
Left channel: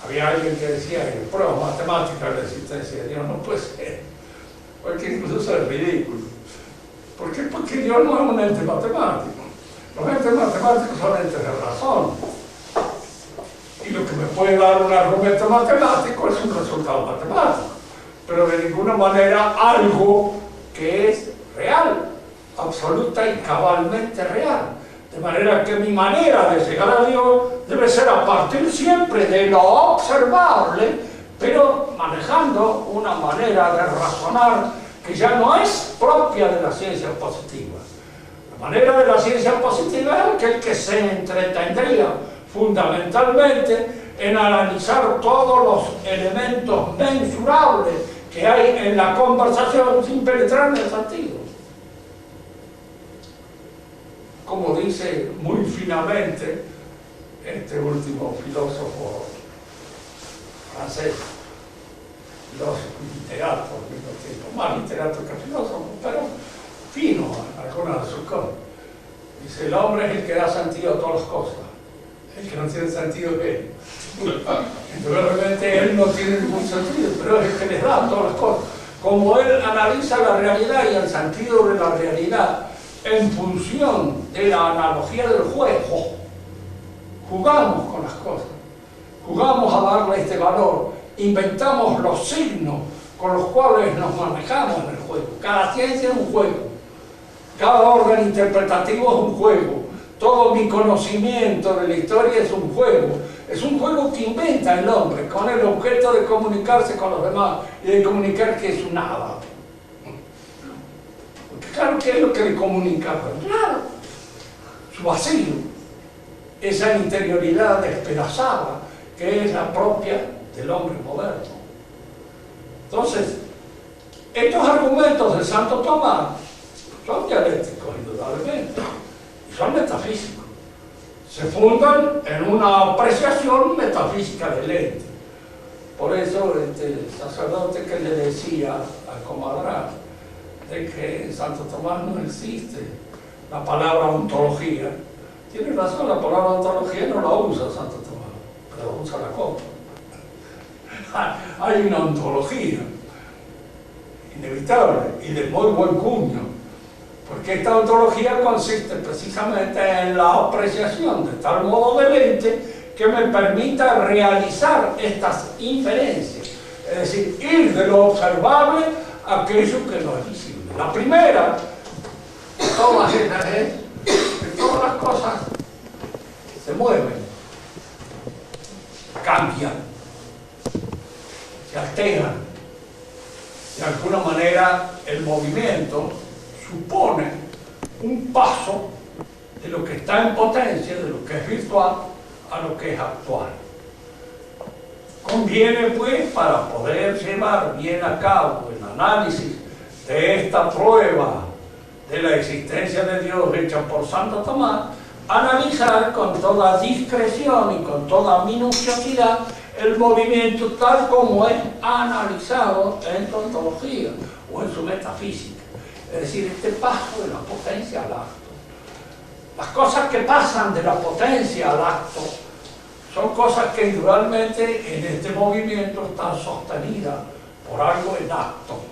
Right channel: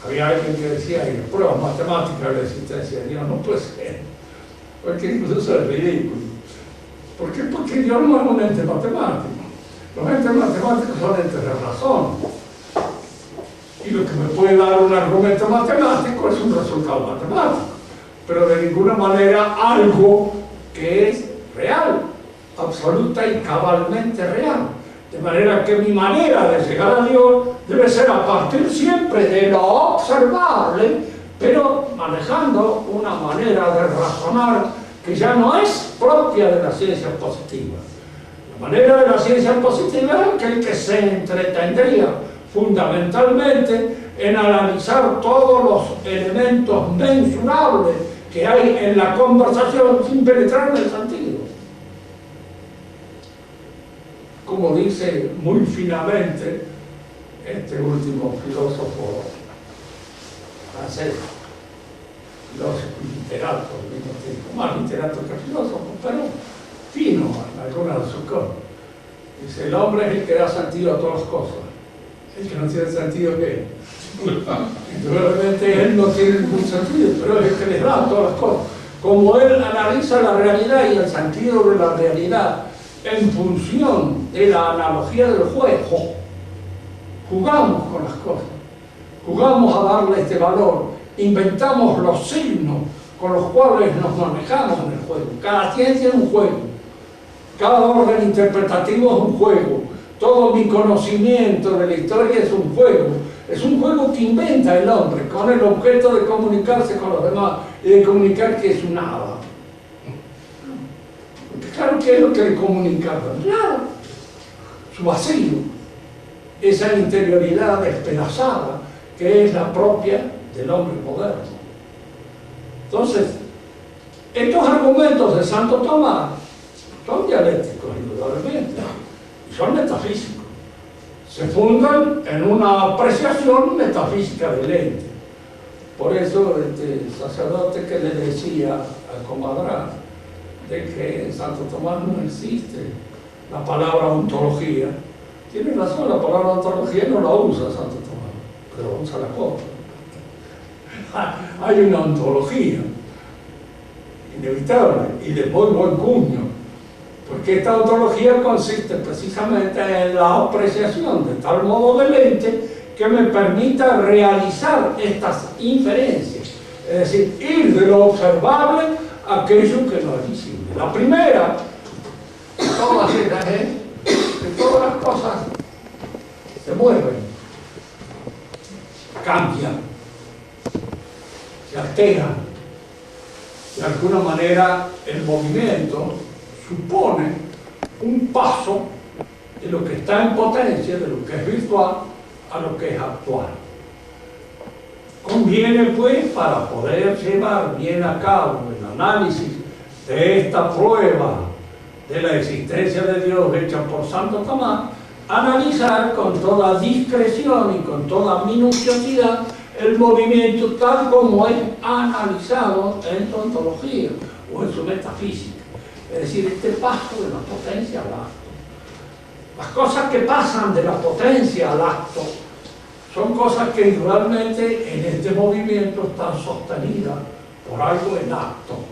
Había alguien que decía en las pruebas matemáticas de la existencia de Dios no puede ser, porque incluso es ridículo. ¿Por qué? Porque Dios no es un ente matemático. Los entes matemáticos son entes de razón. Y lo que me puede dar un argumento matemático es un resultado matemático. Pero de ninguna manera algo que es real, absoluta y cabalmente real. De manera que mi manera de llegar a Dios debe ser a partir siempre de lo observable, pero manejando una manera de razonar que ya no es propia de la ciencia positiva. La manera de la ciencia positiva es aquel que se entretendría fundamentalmente en analizar todos los elementos mensurables que hay en la conversación sin penetrar en el sentido. Como dice muy finamente este último filósofo francés, filósofo y literato, más literato que filósofo, pero fino en algunas de sus cosas. Dice, el hombre es el que da sentido a todas las cosas. El que no tiene sentido es él. Realmente él no tiene ningún sentido, pero es el que les da a todas las cosas. Como él analiza la realidad y el sentido de la realidad en función de la analogía del juego, jugamos con las cosas, jugamos a darle este valor, inventamos los signos con los cuales nos manejamos en el juego. Cada ciencia es un juego, cada órgano interpretativo es un juego, todo mi conocimiento de la historia es un juego que inventa el hombre con el objeto de comunicarse con los demás y de comunicar que es un nada. Porque claro, ¿qué es lo que le comunica? Claro, su vacío, esa interioridad despedazada que es la propia del hombre moderno. Entonces, estos argumentos de Santo Tomás son dialécticos, indudablemente, y son metafísicos. Se fundan en una apreciación metafísica del ente. Por eso, este sacerdote que le decía al comadrón de que en Santo Tomás no existe la palabra ontología, tiene razón, la palabra ontología no la usa Santo Tomás, pero usa la copa. Hay una ontología inevitable y de muy buen cuño, Porque esta ontología consiste precisamente en la apreciación de tal modo del ente que me permita realizar estas inferencias. Es decir, ir de lo observable a aquello que no es visible. La primera de todas ellas es que todas las cosas se mueven, cambian, se alteran. De alguna manera el movimiento supone un paso de lo que está en potencia, de lo que es virtual, a lo que es actual. Conviene, pues, para poder llevar bien a cabo el análisis de esta prueba de la existencia de Dios hecha por Santo Tomás, analizar con toda discreción y con toda minuciosidad el movimiento tal como es analizado en su ontología o en su metafísica. Es decir, este paso de la potencia al acto. Las cosas que pasan de la potencia al acto son cosas que igualmente en este movimiento están sostenidas por algo en acto.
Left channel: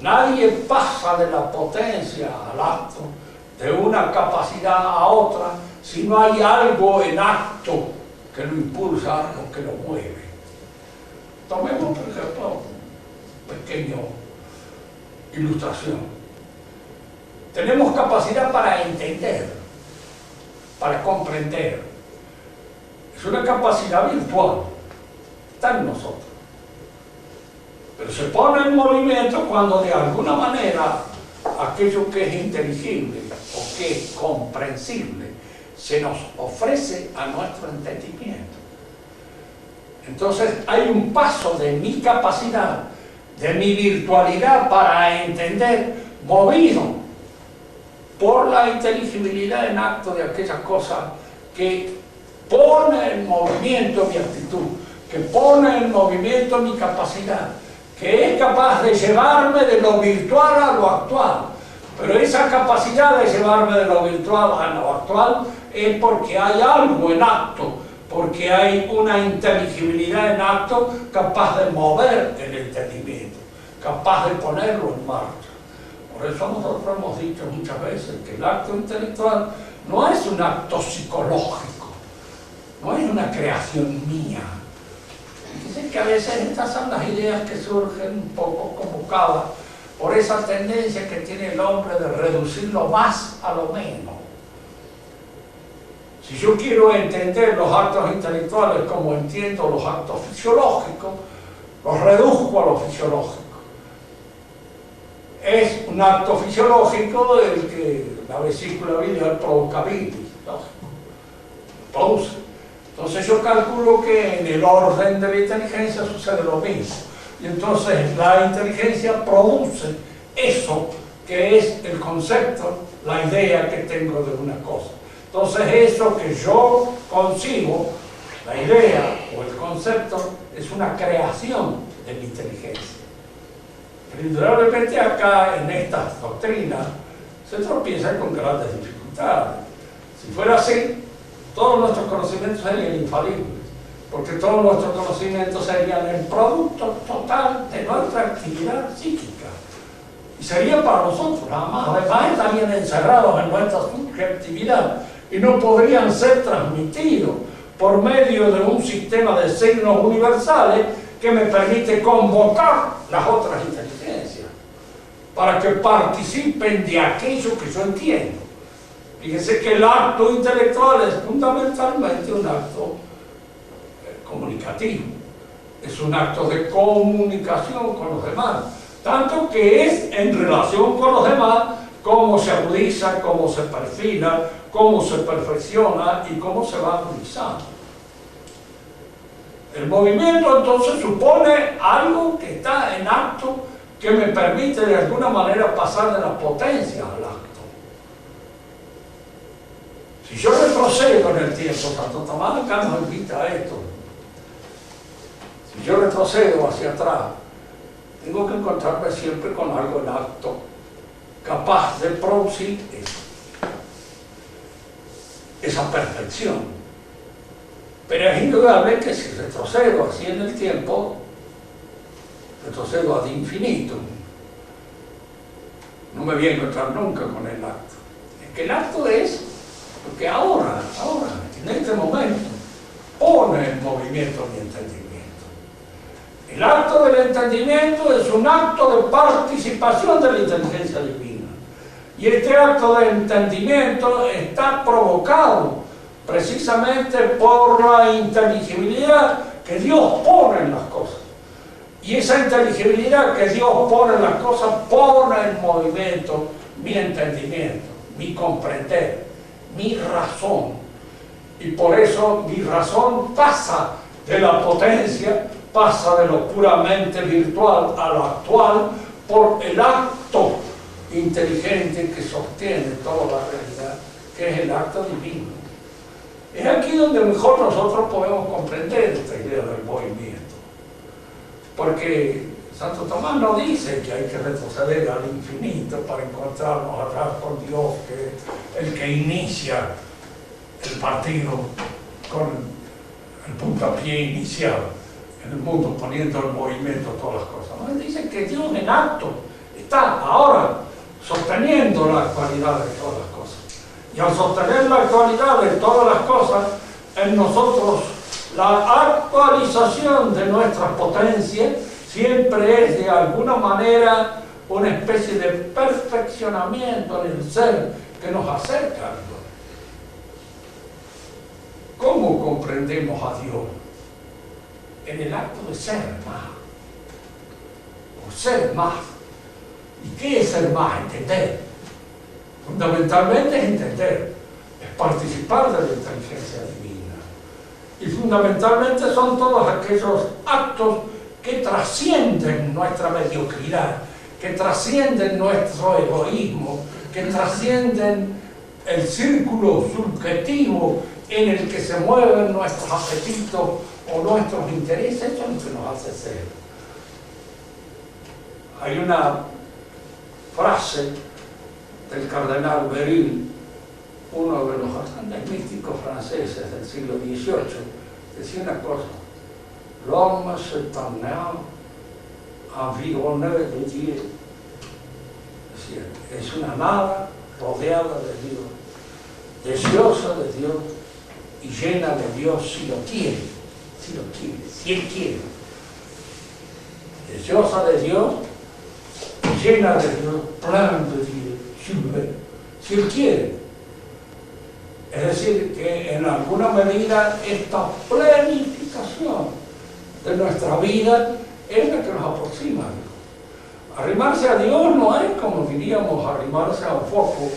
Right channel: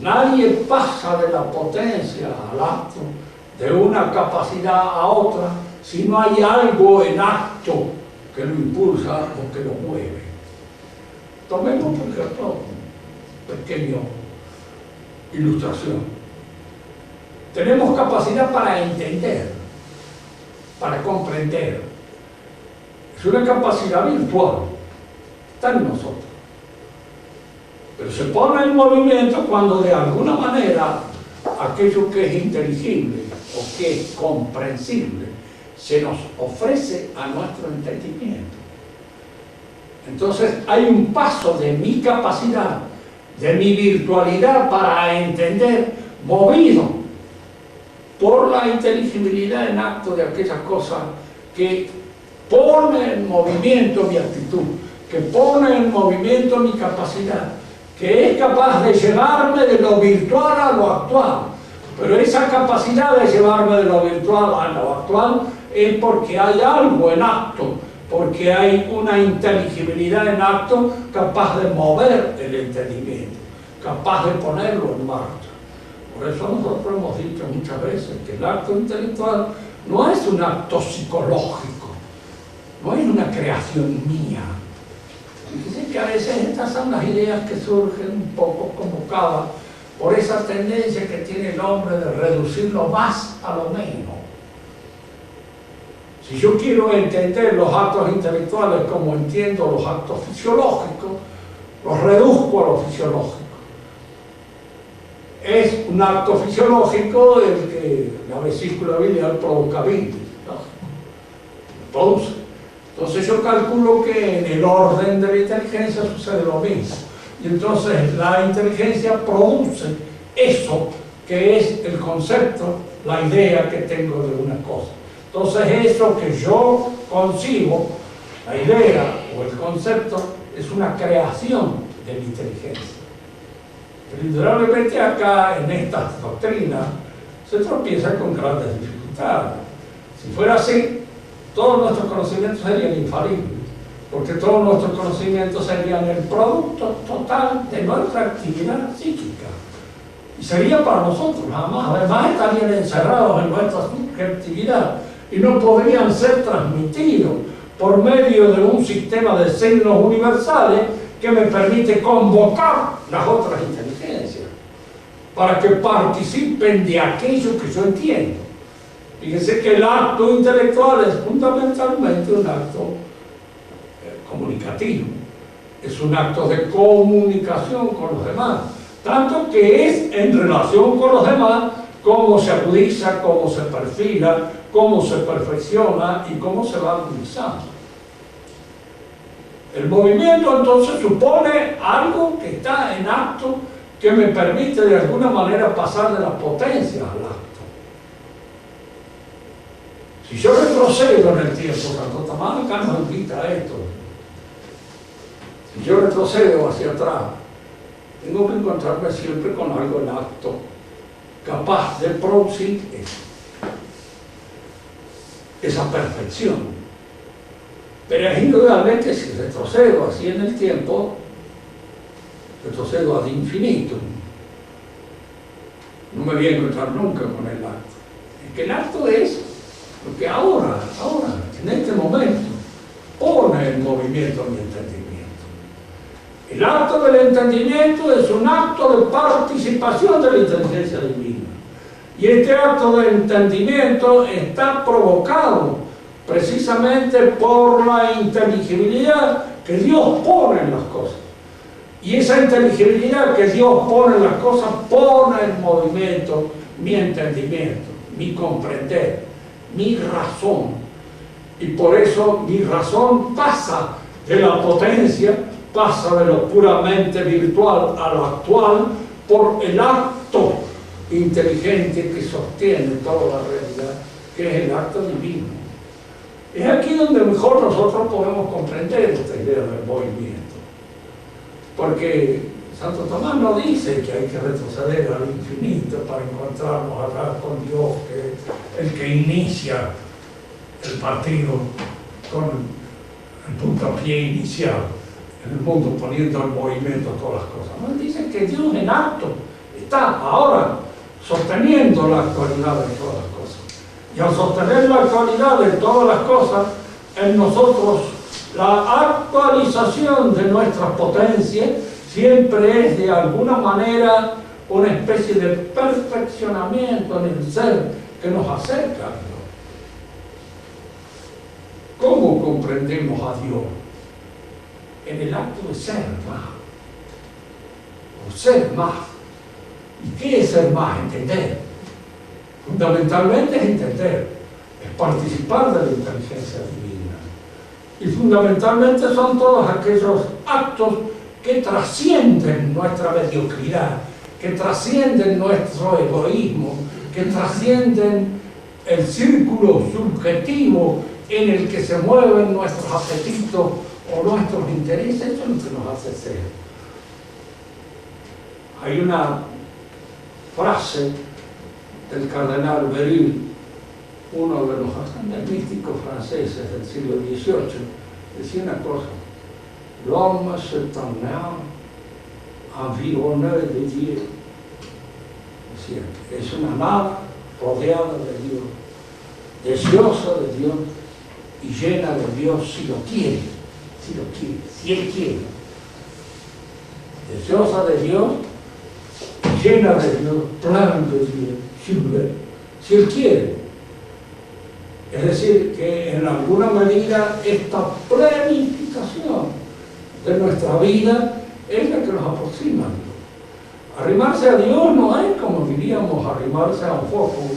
Nadie pasa de la potencia al acto, de una capacidad a otra, si no hay algo en acto que lo impulsa o que lo mueve. Tomemos, por ejemplo, una pequeña ilustración. Tenemos capacidad para entender, para comprender. Es una capacidad virtual, está en nosotros. Pero se pone en movimiento cuando de alguna manera aquello que es inteligible o que es comprensible se nos ofrece a nuestro entendimiento. Entonces hay un paso de mi capacidad, de mi virtualidad para entender, movido por la inteligibilidad en acto de aquella cosa que pone en movimiento mi actitud, que pone en movimiento mi capacidad, que es capaz de llevarme de lo virtual a lo actual. Pero esa capacidad de llevarme de lo virtual a lo actual es porque hay algo en acto, porque hay una inteligibilidad en acto capaz de mover el entendimiento, capaz de ponerlo en marcha. Por eso nosotros hemos dicho muchas veces que el acto intelectual no es un acto psicológico, no es una creación mía. Fíjense que a veces estas son las ideas que surgen un poco convocadas por esa tendencia que tiene el hombre de reducir lo más a lo menos. Si yo quiero entender los actos intelectuales como entiendo los actos fisiológicos, los reduzco a lo fisiológico. Es un acto fisiológico el que la vesícula biliar provoca bilis, lógico, lo produce. Entonces yo calculo que en el orden de la inteligencia sucede lo mismo. Y entonces la inteligencia produce eso que es el concepto, la idea que tengo de una cosa. Entonces eso que yo concibo, la idea o el concepto, es una creación de la inteligencia. Pero indudablemente acá en estas doctrinas se tropieza con grandes dificultades. Si fuera así, todos nuestros conocimientos serían infalibles, porque todos nuestros conocimientos serían el producto total de nuestra actividad psíquica. Y sería para nosotros, nada más. Además estarían encerrados en nuestra subjetividad y no podrían ser transmitidos por medio de un sistema de signos universales que me permite convocar las otras inteligencias para que participen de aquello que yo entiendo. Fíjense que el acto intelectual es fundamentalmente un acto comunicativo, es un acto de comunicación con los demás, tanto que es en relación con los demás cómo se agudiza, cómo se perfila, cómo se perfecciona y cómo se va agudizando. El movimiento entonces supone algo que está en acto que me permite de alguna manera pasar de la potencia al acto. Si yo retrocedo en el tiempo, Santo Tomás acá nos invita a esto. Si yo retrocedo hacia atrás, tengo que encontrarme siempre con algo en acto, capaz de producir esa perfección. Pero es indudable que si retrocedo así en el tiempo, retrocedo ad infinitum. no me voy a encontrar nunca con el acto. Es que el acto es lo que ahora, en este momento, pone en movimiento mi entendimiento. El acto del entendimiento es un acto de participación de la inteligencia divina. Y este acto de entendimiento está provocado precisamente por la inteligibilidad que Dios pone en las cosas. Y esa inteligibilidad que Dios pone en las cosas pone en movimiento mi entendimiento, mi comprender, mi razón. Y por eso mi razón pasa de la potencia, pasa de lo puramente virtual a lo actual por el acto inteligente que sostiene toda la realidad, que es el acto divino. Es aquí donde mejor nosotros podemos comprender esta idea del movimiento. Porque Santo Tomás no dice que hay que retroceder al infinito para encontrarnos a ras con Dios, que es el que inicia el partido con el puntapié inicial, el mundo poniendo en movimiento todas las cosas. No, él dice que Dios en acto está ahora sosteniendo la actualidad de todas las cosas. Y al sostener la actualidad de todas las cosas, en nosotros la actualización de nuestras potencias siempre es de alguna manera una especie de perfeccionamiento en el ser que nos acerca a Dios. ¿Cómo comprendemos a Dios? En el acto de ser más, o ser más. ¿Y qué es ser más? Entender. Fundamentalmente es entender, es participar de la inteligencia divina. Y fundamentalmente son todos aquellos actos que trascienden nuestra mediocridad, que trascienden nuestro egoísmo, que trascienden el círculo subjetivo en el que se mueven nuestros apetitos o nuestros intereses. Eso es lo que nos hace ser. Hay una frase del cardenal Beryl, uno de los grandes místicos franceses del siglo XVIII, decía una cosa: l'homme s'éternel environné de Dieu. Es decir, es una nada rodeada de Dios, deseosa de Dios y llena de Dios si lo quiere, si Él quiere. Deseosa de Dios, llena de Dios, plan de Dios, si Él quiere. Es decir, que en alguna medida esta planificación de nuestra vida es la que nos aproxima a Dios. Arrimarse a Dios no es, como diríamos, arrimarse a un foco,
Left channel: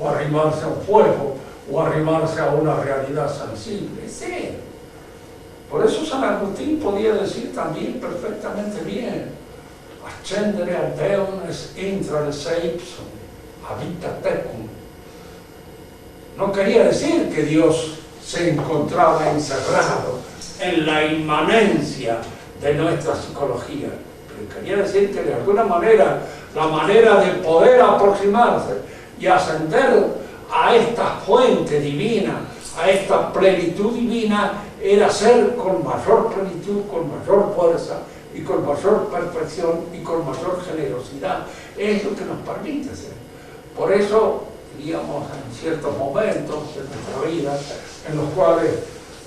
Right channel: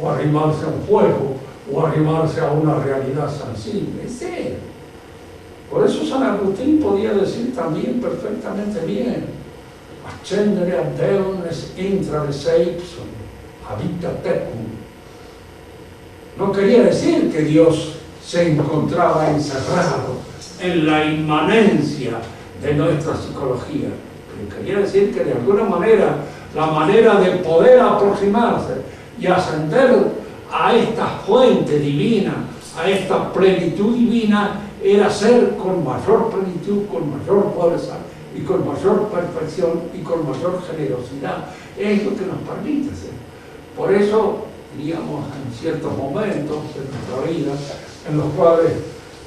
o arrimarse a un fuego, o arrimarse a una realidad sensible, es ser. Por eso San Agustín podía decir también perfectamente bien: ascendere a Deum es intra de seipsum, habita tecum. No quería decir que Dios se encontraba encerrado en la inmanencia de nuestra psicología, pero quería decir que de alguna manera la manera de poder aproximarse y ascender a esta fuente divina, a esta plenitud divina, era ser con mayor plenitud, con mayor fuerza y con mayor perfección y con mayor generosidad. Es lo que nos permite ser. Por eso, diríamos, en ciertos momentos de nuestra vida, en los cuales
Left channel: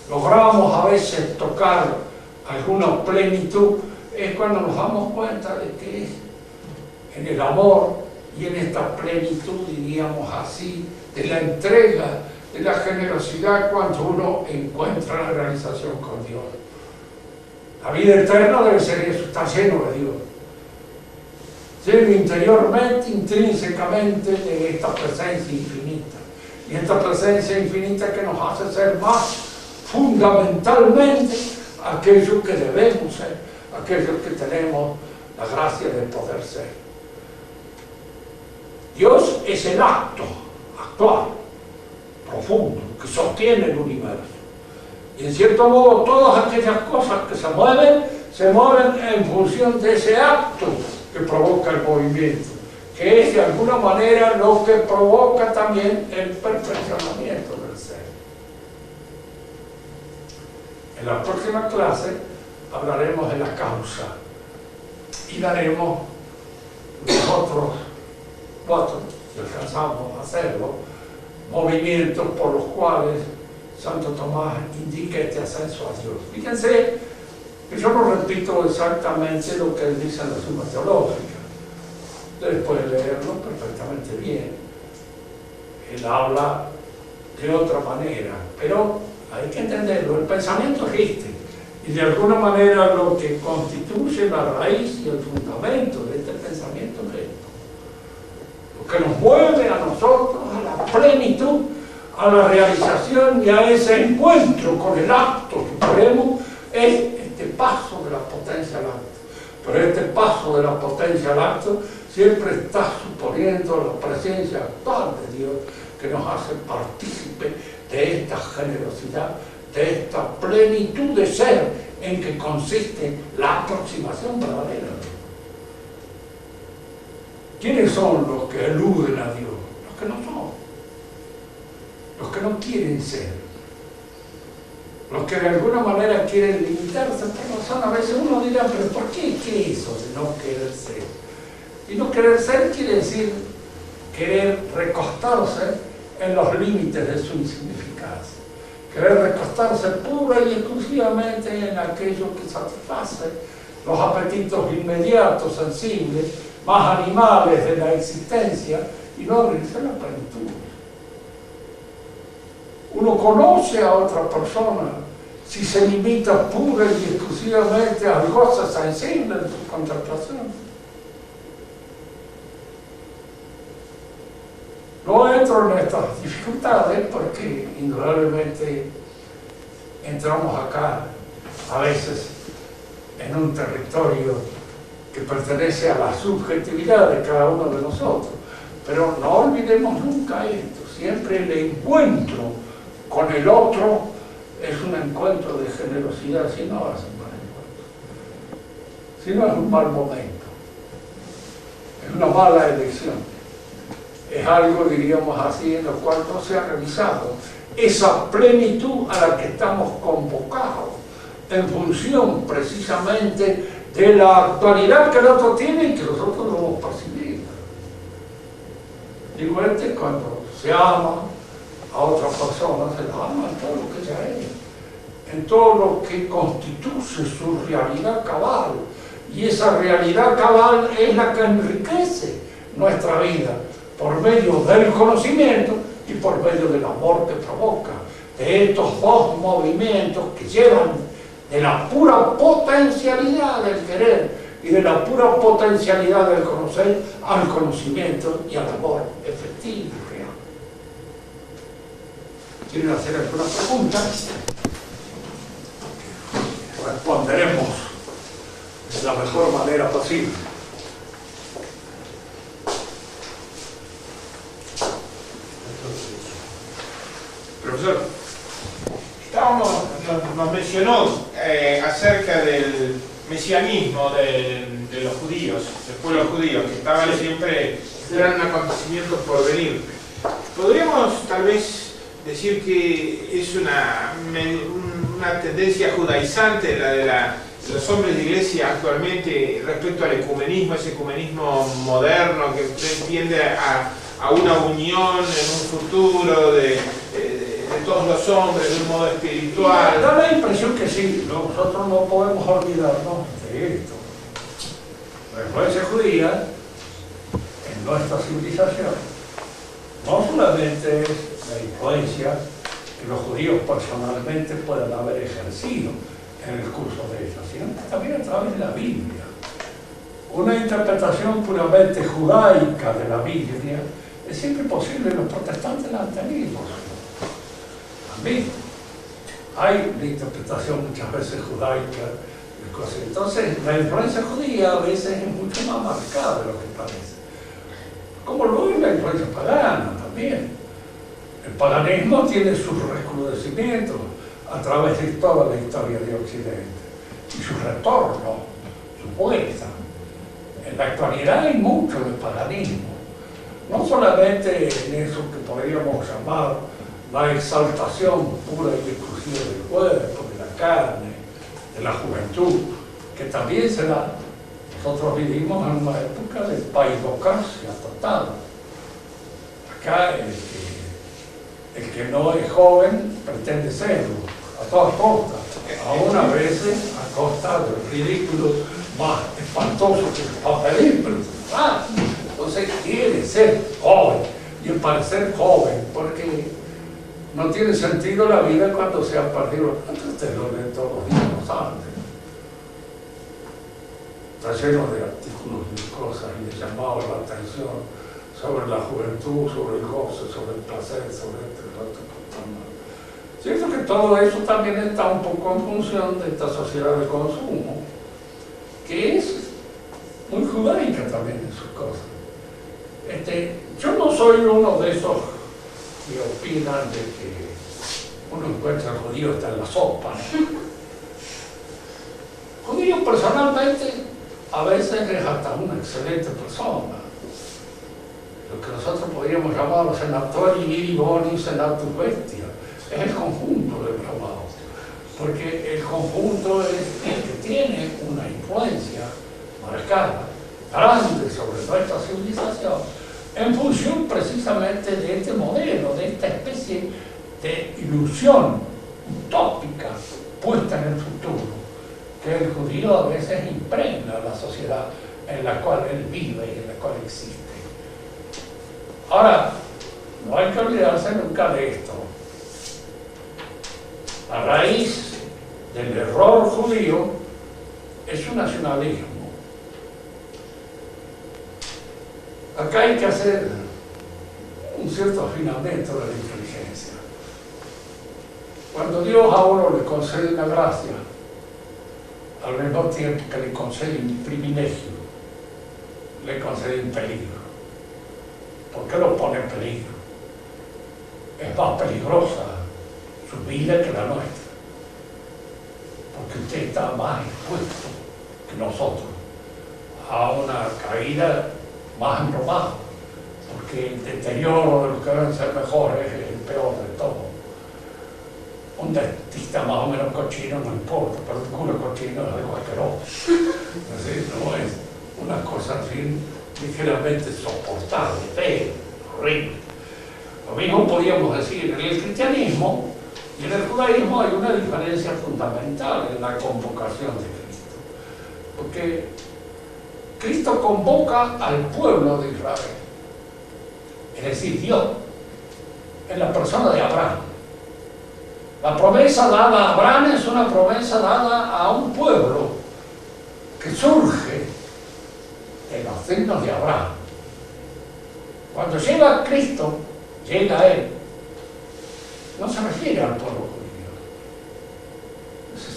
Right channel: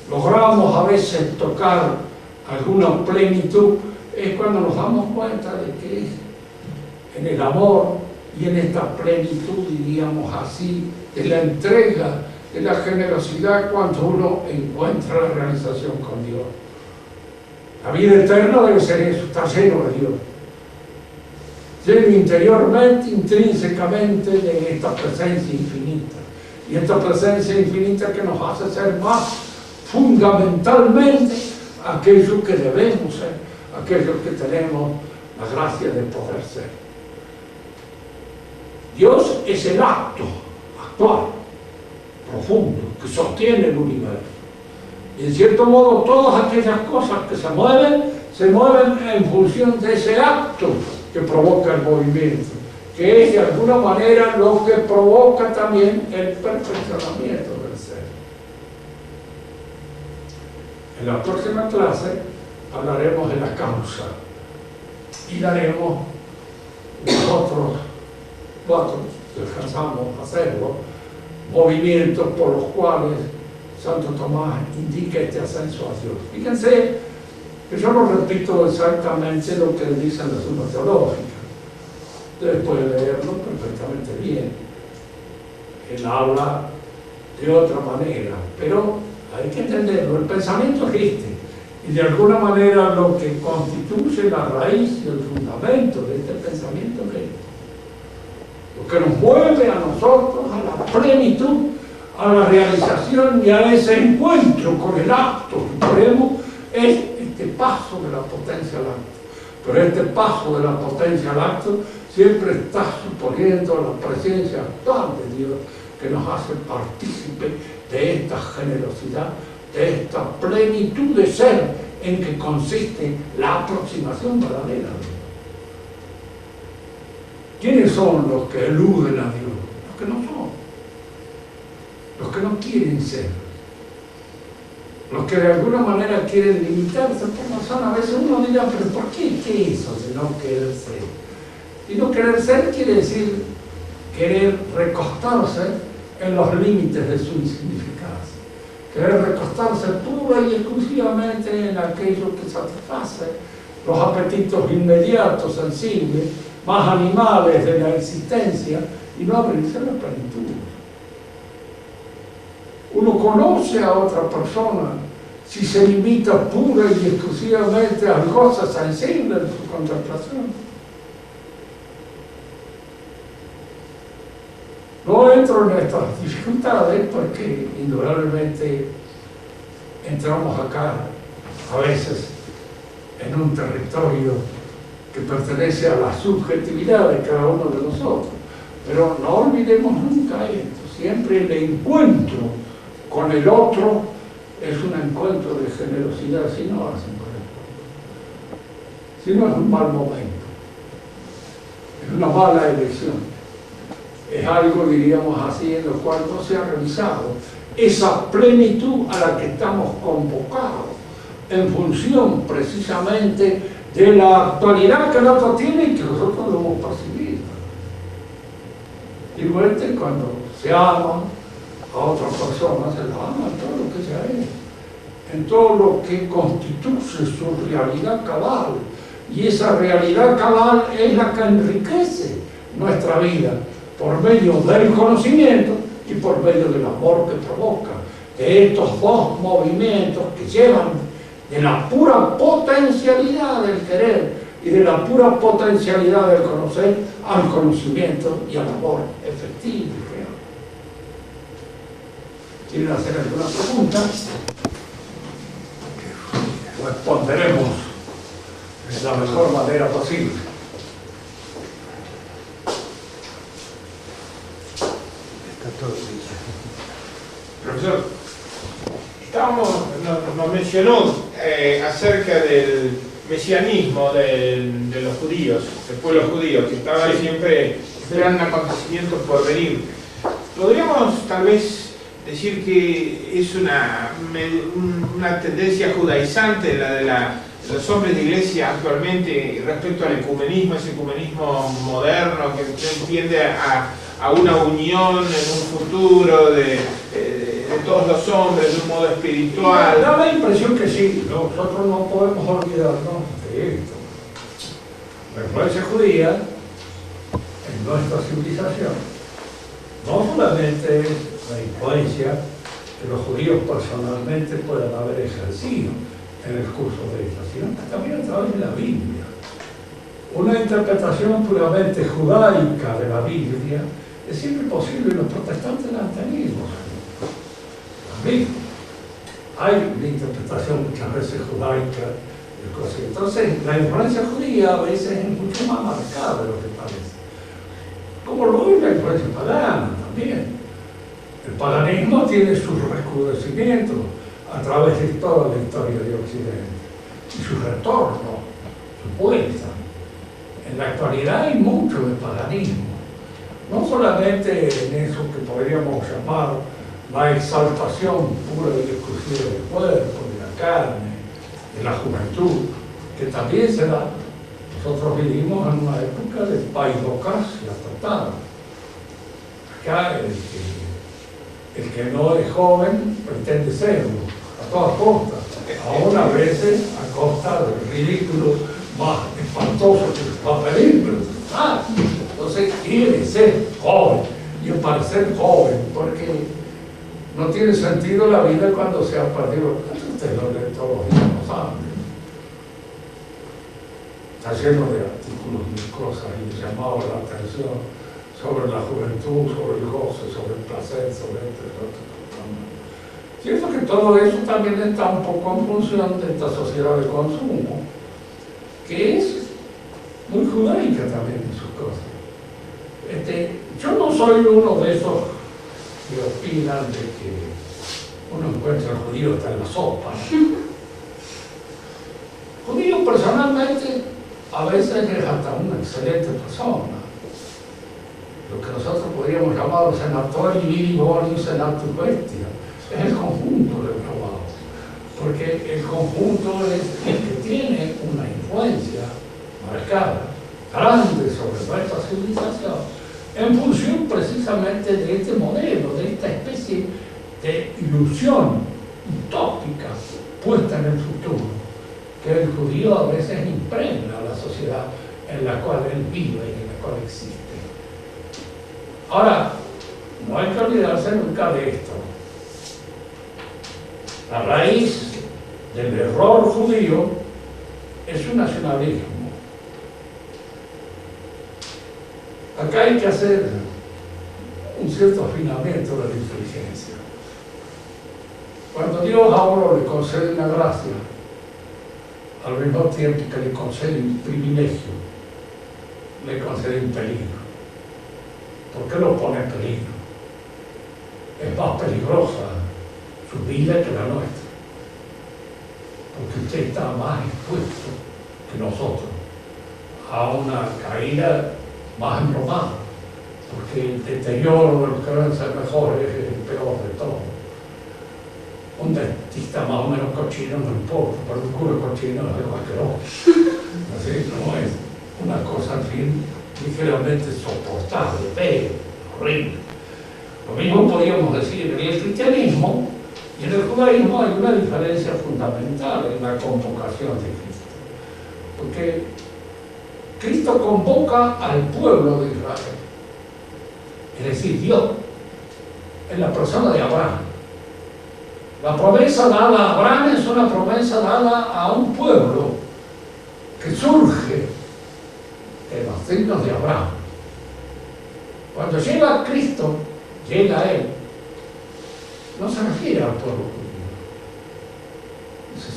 logramos a veces tocar alguna plenitud, es cuando nos damos cuenta de que es en el amor y en esta plenitud, diríamos así, de la entrega, de la generosidad, cuando uno encuentra la realización con Dios. La vida eterna debe ser eso, estar lleno de Dios, lleno interiormente, intrínsecamente de esta presencia infinita. Y esta presencia infinita que nos hace ser más fundamentalmente aquello que debemos ser, aquellos que tenemos la gracia de poder ser. Dios es el acto actual, profundo, que sostiene el universo. Y en cierto modo todas aquellas cosas que se mueven en función de ese acto que provoca el movimiento, que es de alguna manera lo que provoca también el perfeccionamiento del ser. En la próxima clase hablaremos de la causa y daremos los otros 4, si alcanzamos a hacerlo, movimientos por los cuales Santo Tomás indica este ascenso a Dios. Fíjense que yo no repito exactamente lo que él dice en la Suma Teológica. Ustedes pueden leerlo perfectamente bien. Él habla de otra manera, pero hay que entenderlo. El pensamiento es este, y de alguna manera lo que constituye la raíz y el fundamento de este pensamiento es esto. Lo que nos mueve a nosotros a la plenitud, a la realización y a ese encuentro con el acto supremo es este paso de la potencia al acto. Pero este paso de la potencia al acto siempre está suponiendo la presencia actual de Dios, que nos hace partícipe de esta generosidad, de esta plenitud de ser en que consiste la aproximación verdadera a Dios. ¿Quiénes son los que eluden a Dios? Los que no son, los que no quieren ser, los que de alguna manera quieren limitarse por razón. A veces uno dirá, pero ¿por qué? ¿Qué es eso de no querer ser? Y no querer ser quiere decir querer recostarse en los límites de su insignificancia, querer recostarse pura y exclusivamente en aquello que satisface los apetitos inmediatos, sensibles, más animales de la existencia, y no abrirse a la plenitud. Uno conoce a otra persona si se limita pura y exclusivamente al gozo sensible de su contemplación. No entro en estas dificultades porque indudablemente entramos acá a veces en un territorio que pertenece a la subjetividad de cada uno de nosotros. Pero no olvidemos nunca esto, siempre el encuentro con el otro es un encuentro de generosidad, si no hacen con el otro. Si no es un mal momento, es una mala elección. Es algo, diríamos así, en lo cual no se ha realizado esa plenitud a la que estamos convocados en función precisamente de la actualidad que el otro tiene y que nosotros lo hemos percibido. Igual que cuando se ama a otra persona, se la ama en todo lo que ella es, en todo lo que constituye su realidad cabal. Y esa realidad cabal es la que enriquece nuestra vida, por medio del conocimiento y por medio del amor que provoca, de estos dos movimientos que llevan de la pura potencialidad del querer y de la pura potencialidad del conocer al conocimiento y al amor efectivo y real. ¿Quieren hacer alguna pregunta? Responderemos de la mejor manera posible. Profesor, nos mencionó acerca del mesianismo de los judíos, del pueblo judío, que estaba siempre esperando un acontecimiento por venir. ¿Podríamos tal vez decir que es una tendencia judaizante la de los hombres de iglesia actualmente respecto al ecumenismo, ese ecumenismo moderno que tiende a una unión en un futuro de todos los hombres de un modo espiritual? Da la impresión que sí, nosotros no podemos olvidarnos de esto. La influencia judía en nuestra civilización no solamente es la influencia que los judíos personalmente puedan haber ejercido en el curso de ella, sino también a través de la Biblia. Una interpretación puramente judaica de la Biblia es siempre posible, los protestantes la han tenido. También hay una interpretación muchas veces judaica del curso. Entonces, la influencia judía a veces es mucho más marcada de lo que parece. Como lo es la influencia pagana también. El paganismo tiene sus recrudecimientos a través de toda la historia de Occidente y su retorno, su vuelta. En la actualidad hay mucho de paganismo, no solamente en eso que podríamos llamar la exaltación pura y exclusiva del cuerpo, de la carne, de la juventud, que también se da. Nosotros vivimos en una época de paidocracia total, acá el que no es joven pretende serlo, a todas costas, aún a veces a costa del ridículo más espantoso que va a pedir, pero entonces quiere ser joven y parecer joven, porque no tiene sentido la vida cuando se ha perdido. Usted lo lee todos los días, lo saben. Está lleno de artículos y de cosas y de llamados a la atención sobre la juventud, sobre el goce, sobre el placer, sobre otro. Cierto que todo eso también está un poco en función de esta sociedad de consumo, que es muy judaica también en sus cosas. Yo no soy uno de esos que opinan de que uno encuentra al judío hasta en la sopa, ¿no? Judío personalmente a veces es hasta una excelente persona. Lo que nosotros podríamos llamar senatori viri boni senatus bestia es el conjunto del trabajo, porque el conjunto es el que tiene una influencia marcada, grande sobre nuestra civilización, en función precisamente de este modelo, de esta especie de ilusión utópica puesta en el futuro, que el judío a veces impregna a la sociedad en la cual él vive y en la cual existe. Ahora, no hay que olvidarse nunca de esto. La raíz del error judío es su nacionalismo. Acá hay que hacer un cierto afinamiento de la inteligencia. Cuando Dios a uno le concede una gracia, al mismo tiempo que le concede un privilegio, le concede un peligro. ¿Por qué lo pone en peligro? Es más peligrosa su vida que la nuestra, porque usted está más expuesto que nosotros a una caída más embromada, porque el deterioro de los que deben ser mejores es el peor de todo. Un dentista más o menos cochino no importa, pero un cura cochino es algo asqueroso. Así no es una cosa, en fin, ligeramente soportable, feo, horrible. Lo mismo podríamos decir en el cristianismo y en el judaísmo. Hay una diferencia fundamental en la convocación de Cristo, porque Cristo convoca al pueblo de Israel, es decir, Dios, en la persona de Abraham. La promesa dada a Abraham es una promesa dada a un pueblo que surge en los signos de Abraham. Cuando llega Cristo, llega Él, no se refiere al pueblo judío.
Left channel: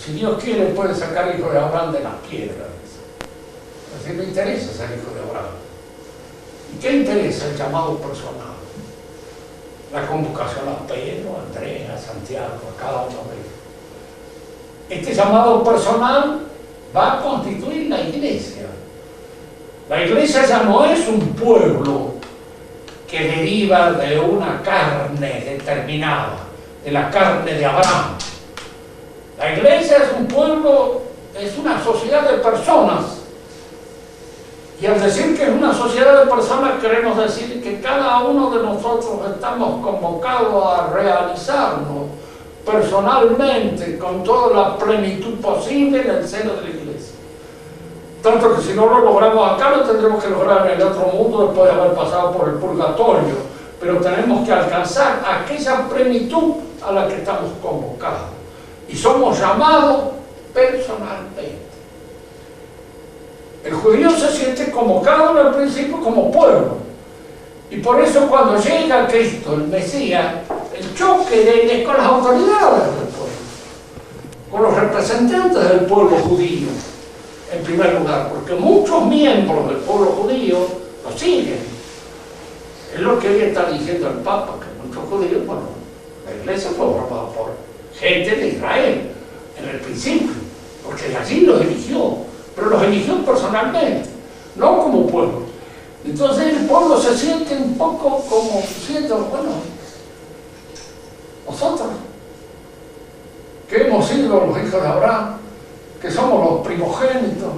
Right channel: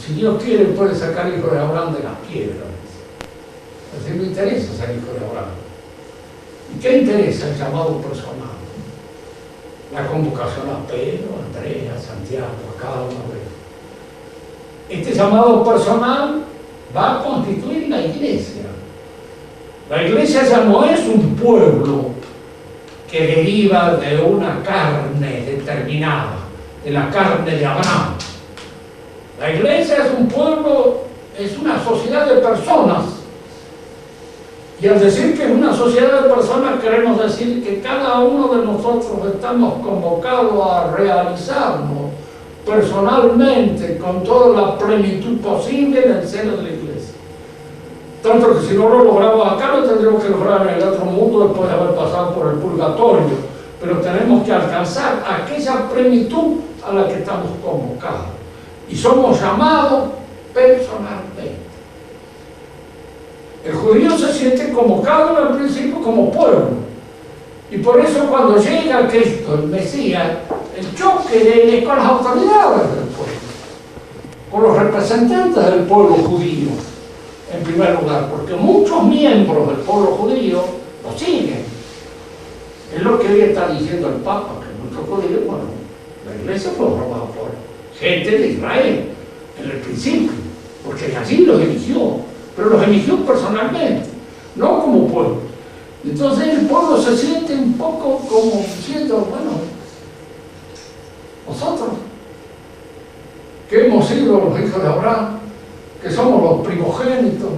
Si Dios quiere, puede sacar hijo de Abraham de las piedras. Es decir, no interesa ser hijo de Abraham. ¿Y qué interesa el llamado personal? La convocación a Pedro, a Andrea, a Santiago, a cada uno de ellos. Este llamado personal va a constituir la iglesia. La iglesia ya no es un pueblo que deriva de una carne determinada, de la carne de Abraham. La iglesia es un pueblo, es una sociedad de personas. Y al decir que es una sociedad de personas, queremos decir que cada uno de nosotros estamos convocados a realizarnos personalmente con toda la plenitud posible en el seno de la iglesia. Tanto que si no lo logramos acá, lo tendremos que lograr en el otro mundo después de haber pasado por el purgatorio. Pero tenemos que alcanzar aquella plenitud a la que estamos convocados. Y somos llamados personalmente. El judío se siente convocado al principio como pueblo. Y por eso cuando llega Cristo, el Mesías, el choque de él es con las autoridades del pueblo, con los representantes del pueblo judío, en primer lugar, porque muchos miembros del pueblo judío lo siguen. Es lo que hoy está diciendo el Papa, que muchos judíos, bueno, la iglesia fue formada por gente de Israel, en el principio, porque allí los eligió. Pero los eligió personalmente, no como pueblo. Entonces el pueblo se siente un poco como diciendo, bueno, nosotros, que hemos sido los hijos de Abraham, que somos los primogénitos,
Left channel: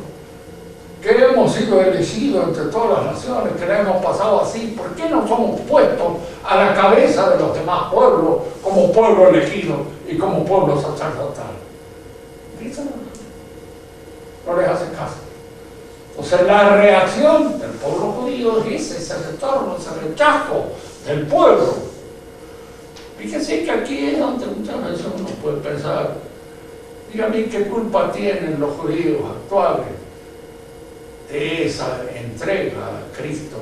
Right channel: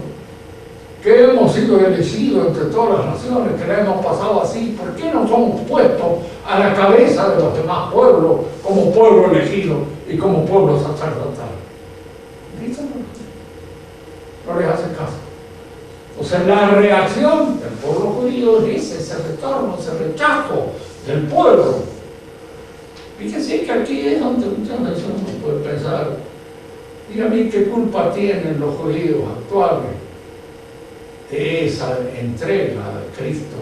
que hemos hemos sido elegidos entre todas las naciones, que la hemos pasado así, ¿por qué no somos puestos a la cabeza de los demás pueblos como pueblo elegido y como pueblo sacerdotal? No les hace caso. O sea, la reacción del pueblo judío es ese retorno, ese rechazo del pueblo. Fíjense que aquí es donde muchas veces uno puede pensar, dígame qué culpa tienen los judíos actuales de esa entrega de Cristo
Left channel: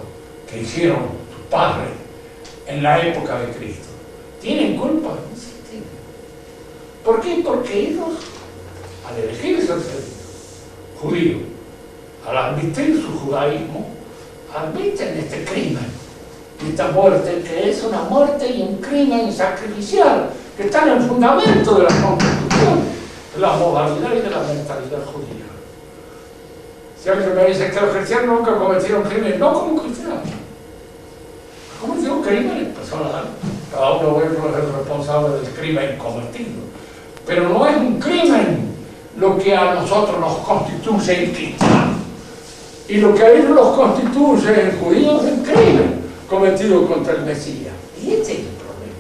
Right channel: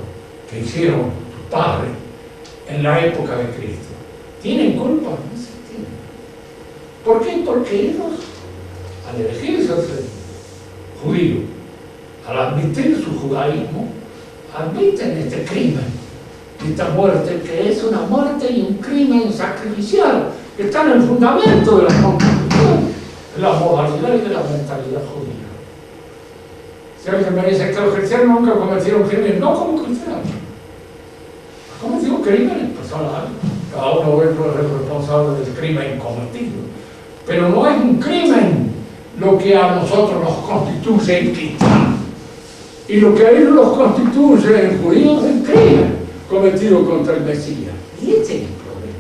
que hicieron sus padres en la época de Cristo. ¿Tienen culpa? No se tienen. ¿Por qué? Porque ellos, al elegirse ser judíos, al admitir su judaísmo, admiten este crimen, esta muerte, que es una muerte y un crimen sacrificial, que está en el fundamento de la Constitución, de la moralidad y de la mentalidad judía. Si alguien me dice que los cristianos nunca cometieron crímenes, no como cristianos, cometieron crímenes personales, cada uno de ellos es el responsable del crimen cometido, pero no es un crimen lo que a nosotros nos constituye en cristianos, y lo que a ellos los constituye en judíos es el crimen cometido contra el Mesías. Y ese es el problema,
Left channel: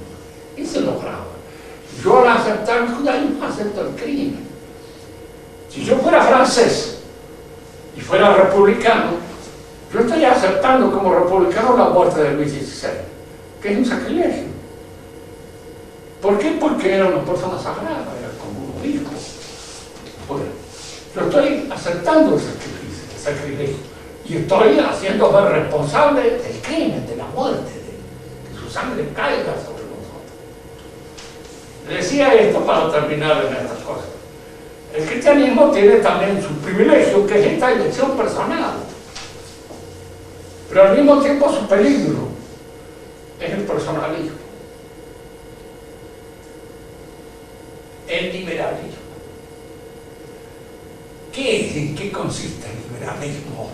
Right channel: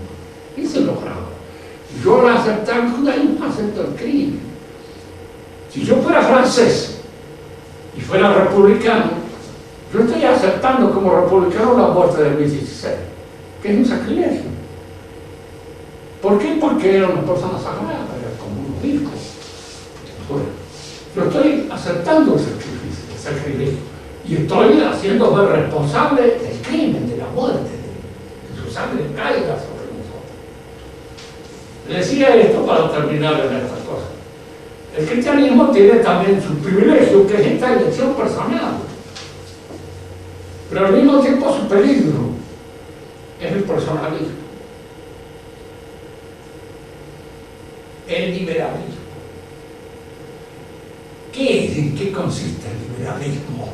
ese es lo grave. Yo al aceptar el judaísmo acepto el crimen. Si yo fuera francés y fuera republicano, yo estaría aceptando como republicano la muerte de Luis XVI, que es un sacrilegio. ¿Por qué? Porque era una persona sagrada, era como un obispo. Bueno, yo estoy aceptando el sacrilegio y estoy haciéndome responsable del crimen, de la muerte, de que su sangre caiga sobre nosotros. Decía esto para terminar en estas cosas. El cristianismo tiene también su privilegio, que es esta elección personal, pero al mismo tiempo su peligro es el personalismo, el liberalismo. ¿En qué consiste el liberalismo?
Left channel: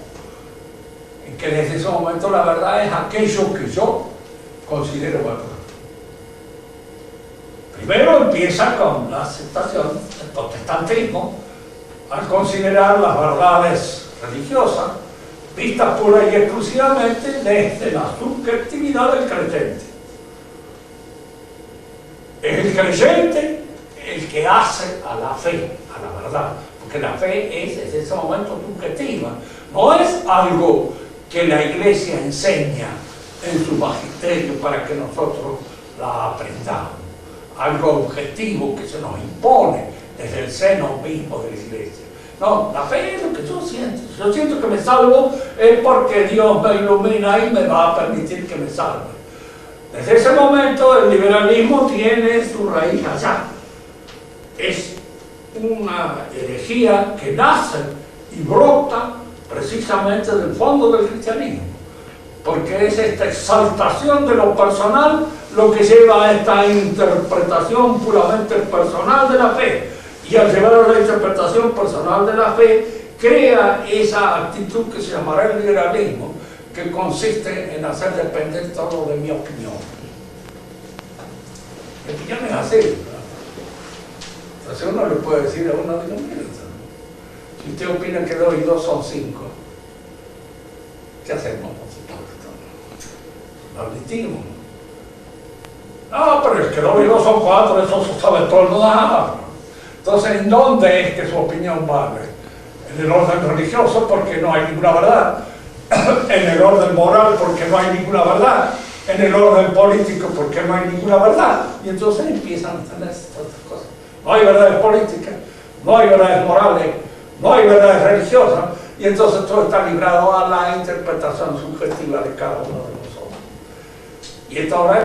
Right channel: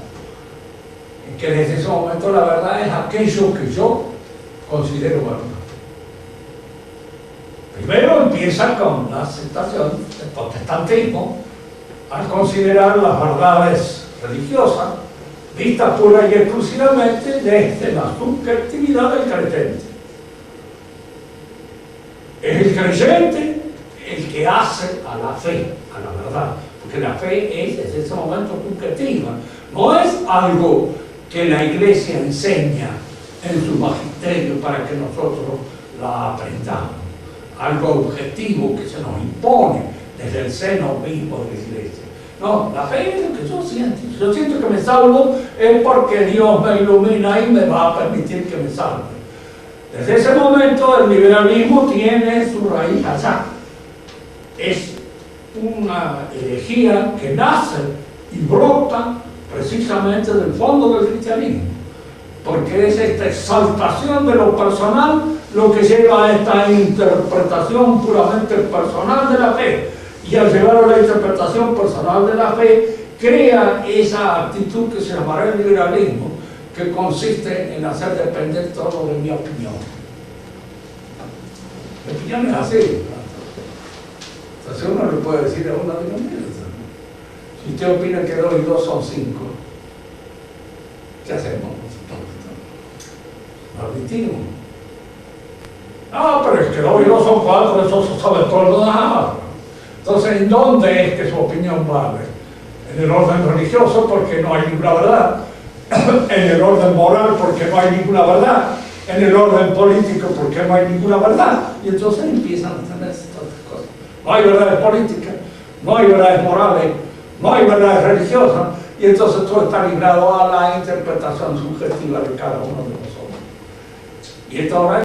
En que desde ese momento la verdad es aquello que yo considero verdad. Primero empieza con la aceptación del protestantismo al considerar las verdades religiosas vistas pura y exclusivamente desde la subjetividad del creyente. Es el creyente el que hace a la fe, a la verdad, porque la fe es desde ese momento subjetiva, no es algo que la Iglesia enseña en su magisterio para que nosotros la aprendamos, algo objetivo que se nos impone desde el seno mismo de la Iglesia. No, la fe es lo que yo siento. Si yo siento que me salvo, es porque Dios me ilumina y me va a permitir que me salve. Desde ese momento el liberalismo tiene su raíz allá. Es una herejía que nace y brota precisamente del fondo del cristianismo, porque es esta exaltación de lo personal lo que lleva a esta interpretación puramente personal de la fe, y al llevar a la interpretación personal de la fe crea esa actitud que se llamará el liberalismo, que consiste en hacer depender todo de mi opinión. Mi opinión es así, ¿verdad? Entonces uno le puede decir a uno de los míos, si usted opina que 2 y 2 son 5, ¿qué hacemos nosotros? Lo admitimos. No, pero es que 2 y 2 son 4, eso se sabe todo el mundo. Entonces, ¿en dónde es que su opinión vale? En el orden religioso, porque no hay ninguna verdad. En el orden moral, porque no hay ninguna verdad. En el orden político, porque no hay ninguna verdad. Y entonces empiezan a tener estas cosas. No hay verdades políticas, no hay verdades morales, no hay verdades religiosas, y entonces todo está ligado a la interpretación subjetiva de cada uno de nosotros. Y esto ahora